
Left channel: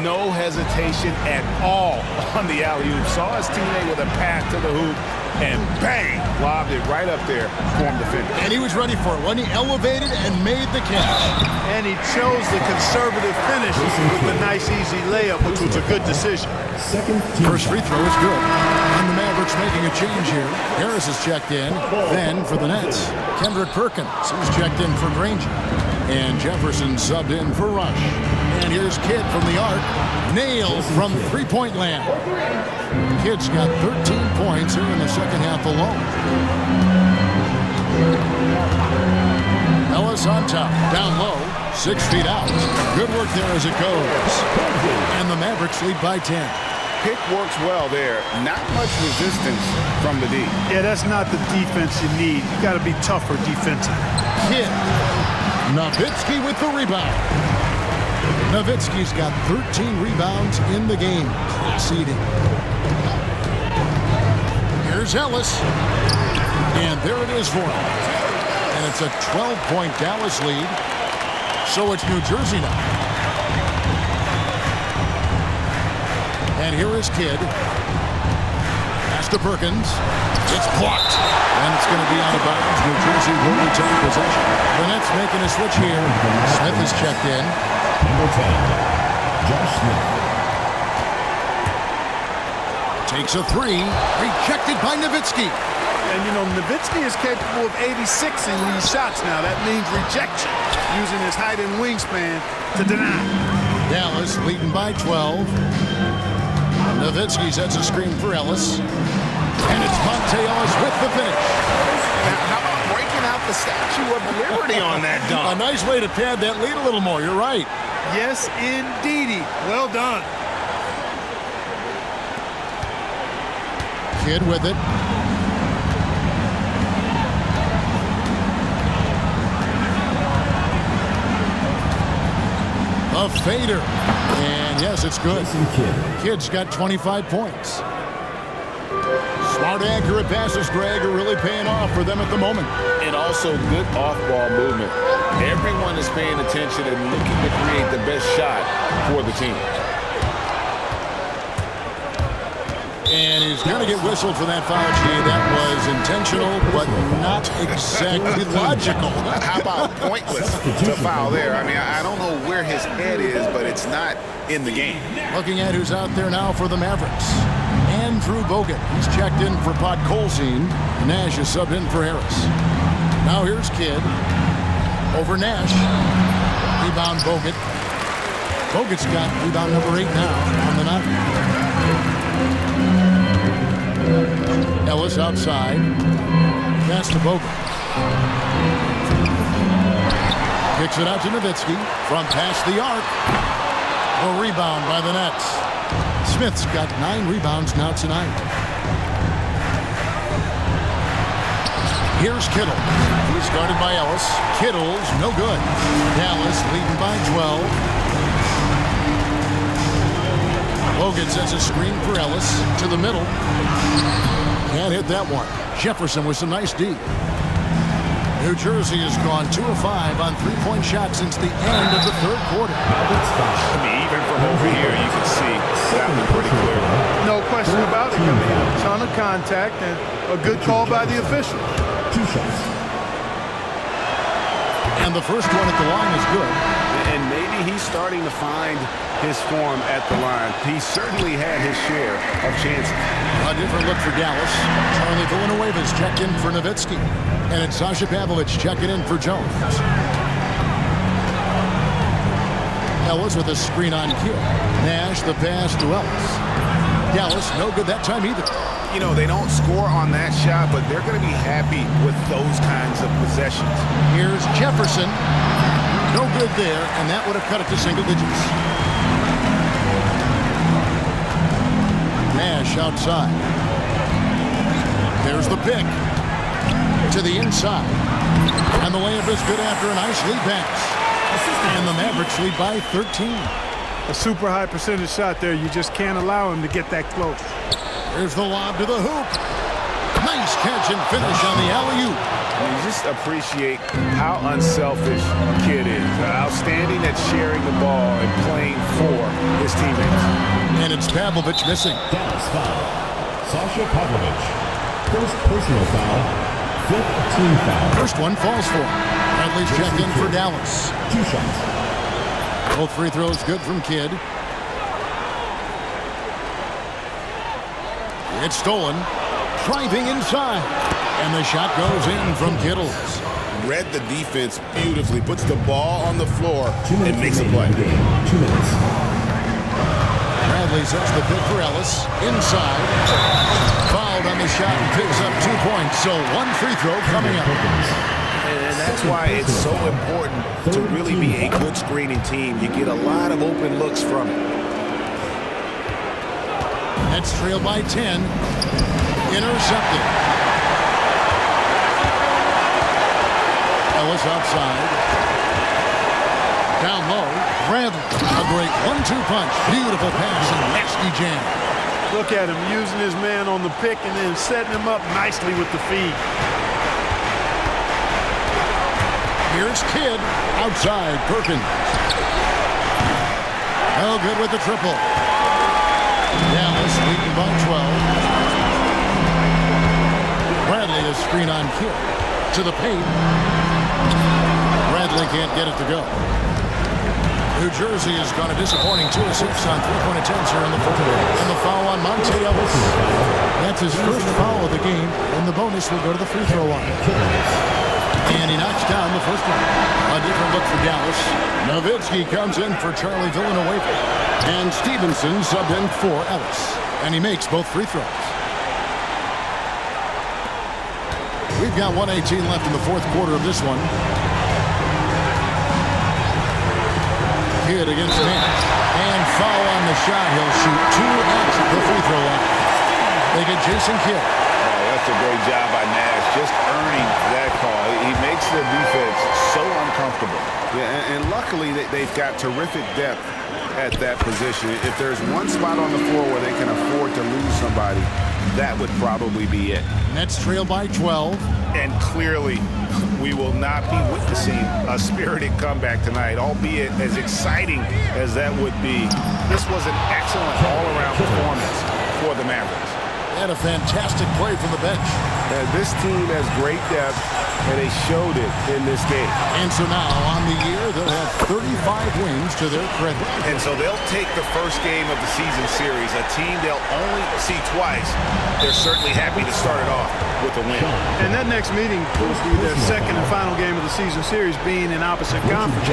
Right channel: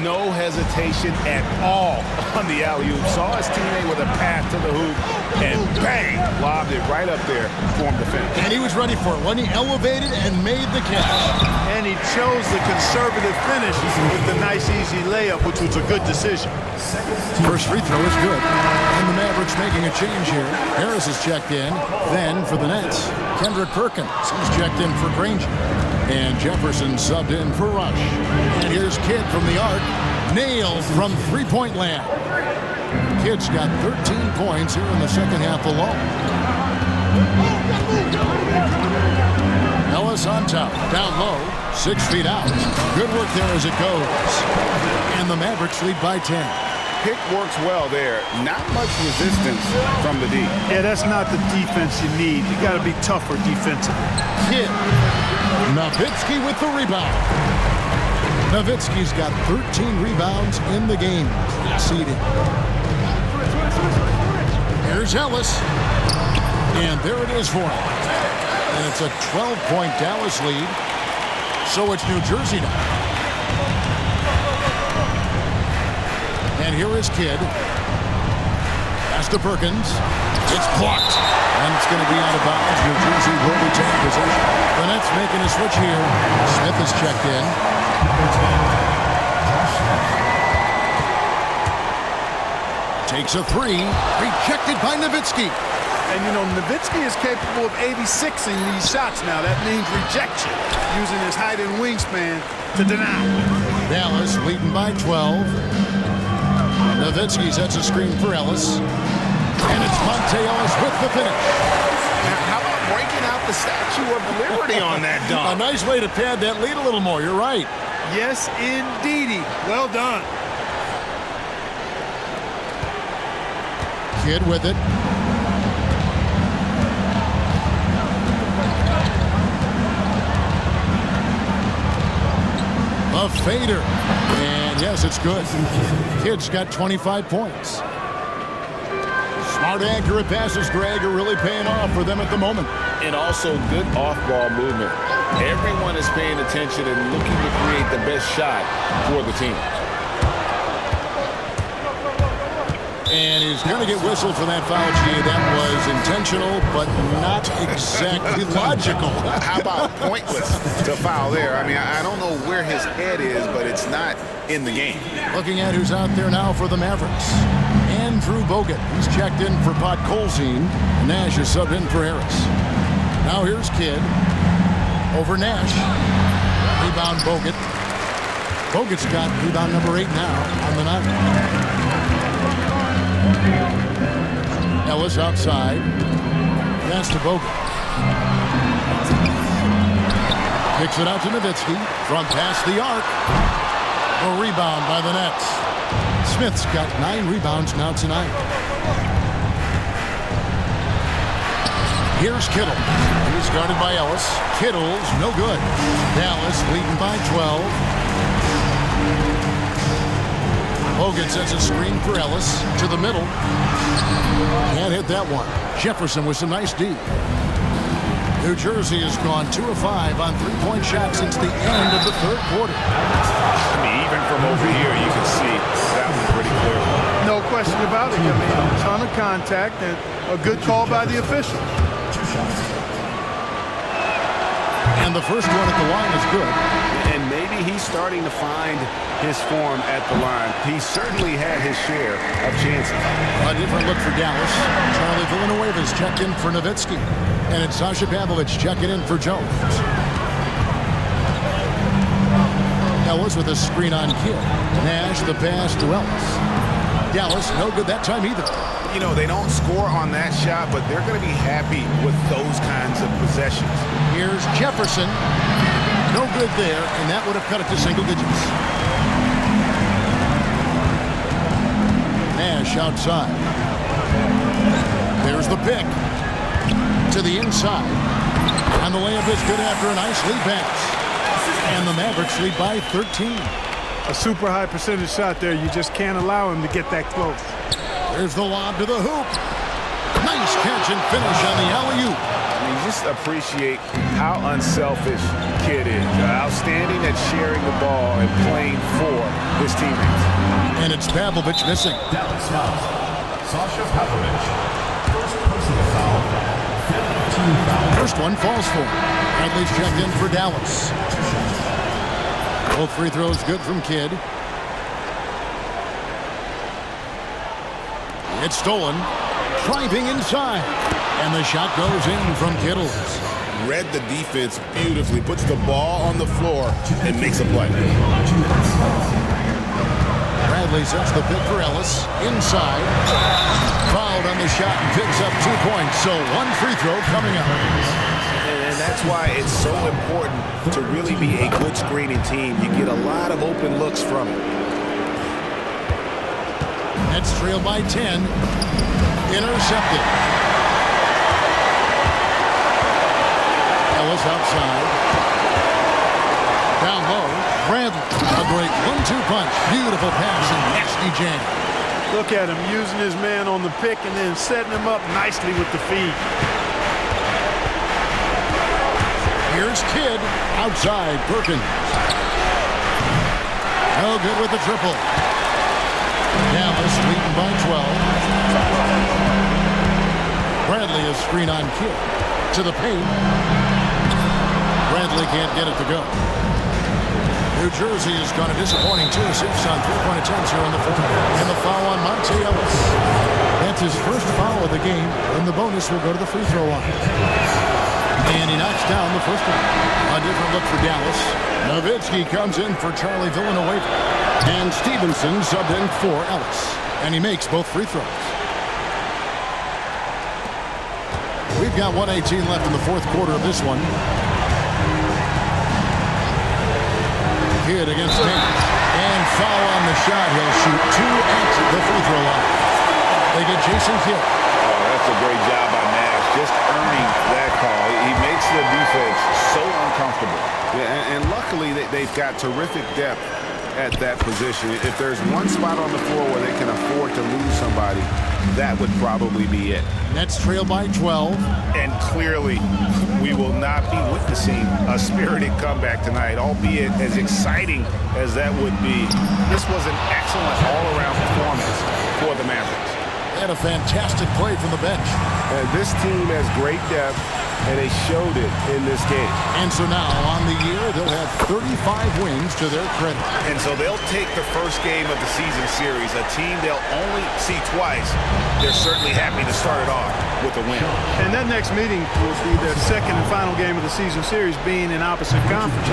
No hesitation at all on the alley-oop. Saw his teammate with a pass to the hoop, and bang, lobbed it right up there for him to finish. And he was ready for it when he elevated and made the catch. And he chose the conservative finish with the nice, easy layup, which was a good decision. First free throw is good. And the Mavericks making a change here. Harris is checked in. Then for the Nets, Kendrick Perkins is checked in for Granger. And Jefferson subbed in for Rush. And here's Kidd from the arc. Nailed from three-point land. Kidd's got 13 points here in the second half alone. Ellis on top. Down low. 6 feet out. Good work there as it goes. And the Mavericks lead by 10. Pick works well there. Not much resistance from the D. Yeah, that's not the defense you need. You got to be tougher defensively. Kidd. Nowitzki with the rebound. Nowitzki's got 13 rebounds in the game. Class eating. Here's Ellis. And there it is for him. And it's a 12-point Dallas lead. So it's New Jersey now. And here is Kidd. Pass to Perkins. It's blocked. And it's going to be out of bounds. New Jersey will retain possession. The Nets making a switch here. Smith is checked in. Number 10, Josh Smith. Takes a three. Rejected by Nowitzki. And, you know, Nowitzki is capable of 86ing these shots now. That means rejection, using his height and wingspan to deny. Dallas leading by 12. Nowitzki sets a screen for Ellis. And it's Monte Ellis with the finish. Now, how about breaking out the Statue of Liberty on that dunk? A nice way to pad that lead a little more. You're right. Yes, indeedy. Well done. Kidd with it. A fader. And yes, it's good. Kidd's got 25 points. Smart, accurate passes, Greg, are really paying off for them at the moment. And also good off-ball movement. Everyone is paying attention and looking to create the best shot for the team. And he's going to get whistled for that foul, G. That was intentional, but not exactly logical. How about pointless to foul there? I mean, I don't know where his head is, but it's not in the game. Looking at who's out there now for the Mavericks. Andrew Bogut. He's checked in for Podkolzin. Nash is subbed in for Harris. Now here's Kidd. Over Nash. Rebound Bogut. Bogut's got rebound number 8 now on the night. Ellis outside. Pass to Bogut. Kicks it out to Nowitzki. From past the arc. The rebound by the Nets. Smith's got 9 rebounds now tonight. Here's Kittle. He's guarded by Ellis. Kittle's no good. Dallas leading by 12. Bogut sets a screen for Ellis to the middle. Can't hit that one. Jefferson with some nice D. New Jersey has gone 2 of 5 on three-point shots since the end of the third quarter. I mean, even from over here, you can see that one pretty clearly. No question about it. I mean, a ton of contact and a good call by the officials. 2 shots. And the first one at the line is good. And maybe he's starting to find his form at the line. He certainly had his share of chances. A different look for Dallas. Charlie Villanueva's checked in for Nowitzki. And it's Sasha Pavlovich checking in for Jones. Ellis with a screen on Kidd. Nash the pass to Ellis. Dallas no good that time either. You know, they don't score on that shot, but they're going to be happy with those kinds of possessions. Here's Jefferson. No good there, and that would have cut it to single digits. Nash outside. There's the pick. To the inside. And the layup is good after a nice lead pass. And the Mavericks lead by 13. A super high percentage shot there. You just can't allow him to get that close. There's the lob to the hoop. Nice catch and finish on the alley-oop. You just appreciate how unselfish Kid is. Outstanding at sharing the ball and playing for his teammates. And it's Pavlovich missing. Dallas foul. Sasha Pavlovich. First personal foul. Fifth team foul. First one falls for him. Bradley's checked in for Dallas. 2 shots. Both free throws good from Kidd. It's stolen. Driving inside. And the shot goes in from Kittles. Read the defense beautifully. Puts the ball on the floor and makes a play. 2 minutes. Bradley sets the pick for Ellis. Inside. Fouled on the shot and picks up 2 points. So 1 free throw coming up. And that's why it's so important to really be a good screening team. You get a lot of open looks from it. Nets trail by 10. Intercepted. Ellis outside. Down low. Bradley. A great 1-2 punch. Beautiful pass and nasty jam. Look at him using his man on the pick and then setting him up nicely with the feed. Here's Kidd. Outside. Perkins. No good with the triple. Dallas leading by 12. Bradley is screen on Kidd. To the paint. Bradley can't get it to go. New Jersey has gone a disappointing 2 assists on 3-point attempts here in the fourth. And the foul on Monte Ellis. That's his first foul of the game, and the bonus will go to the free throw line. And he knocks down the first one. A different look for Dallas. Nowitzki comes in for Charlie Villanueva. And Stevenson subbed in for Ellis. And he makes both free throws. We've got 1:18 left in the fourth quarter of this one. Kidd against Nash. And foul on the shot. He'll shoot 2 at the free throw line. They get Jason Kidd. Oh, that's a great job by Nash, just earning that call. He makes the defense so uncomfortable. Yeah, and luckily they've got terrific depth at that position. If there's one spot on the floor where they can afford to lose somebody, that would probably be it. Nets trail by 12. And clearly, we will not be witnessing a spirited comeback tonight, albeit as exciting as that would be. This was an excellent all-around performance for the Mavericks. They had a fantastic play from the bench. This team has great depth, and they showed it in this game. And so now, on the year, they'll have 35 wins to their credit. And so they'll take the first game of the season series, a team they'll only see twice. They're certainly happy to start it off with a win. And that next meeting will be their second and final game of the season series, being in opposite conference.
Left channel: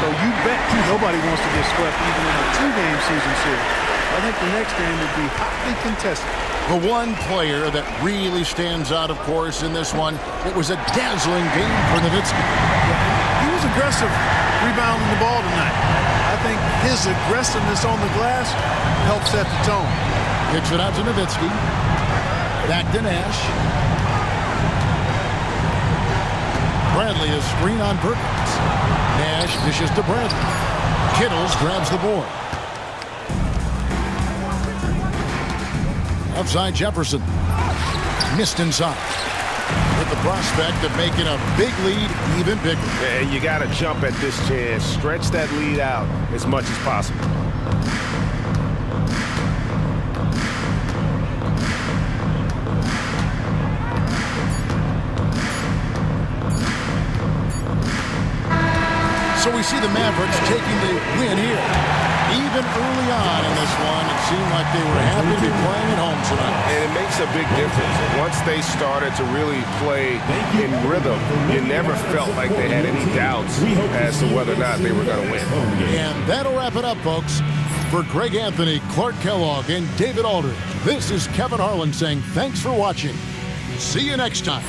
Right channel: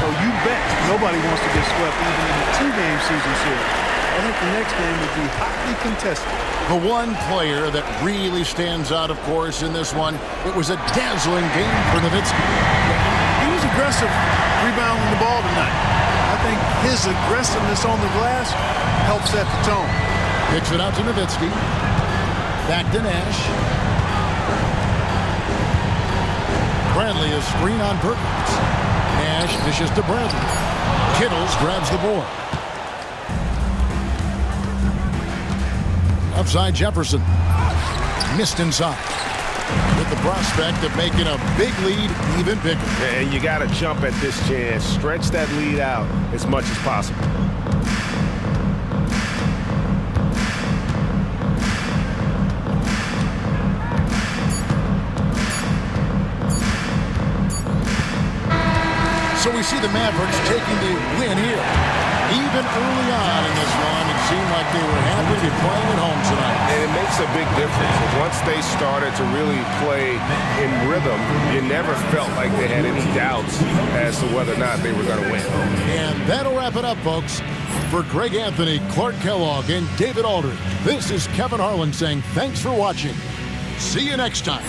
So you bet nobody wants to get swept even in a 2-game season series. I think the next game would be hotly contested. The one player that really stands out, of course, in this one, it was a dazzling game for Nowitzki. Yeah, he was aggressive rebounding the ball tonight. I think his aggressiveness on the glass helped set the tone. Kicks it out to Nowitzki. Back to Nash. Bradley is screen on Perkins. Nash dishes to Bradley. Kittles grabs the board. Outside Jefferson. Missed inside. With the prospect of making a big lead even bigger. And you got to jump at this chance. Stretch that lead out as much as possible. So we see the Mavericks taking the win here. Even early on in this one, it seemed like they were happy to be playing at home tonight. And it makes a big difference. Once they started to really play in rhythm, you never felt like they had any doubts as to whether or not they were going to win. And that'll wrap it up, folks. For Greg Anthony, Clark Kellogg, and David Aldridge, this is Kevin Harlan saying thanks for watching. See you next time.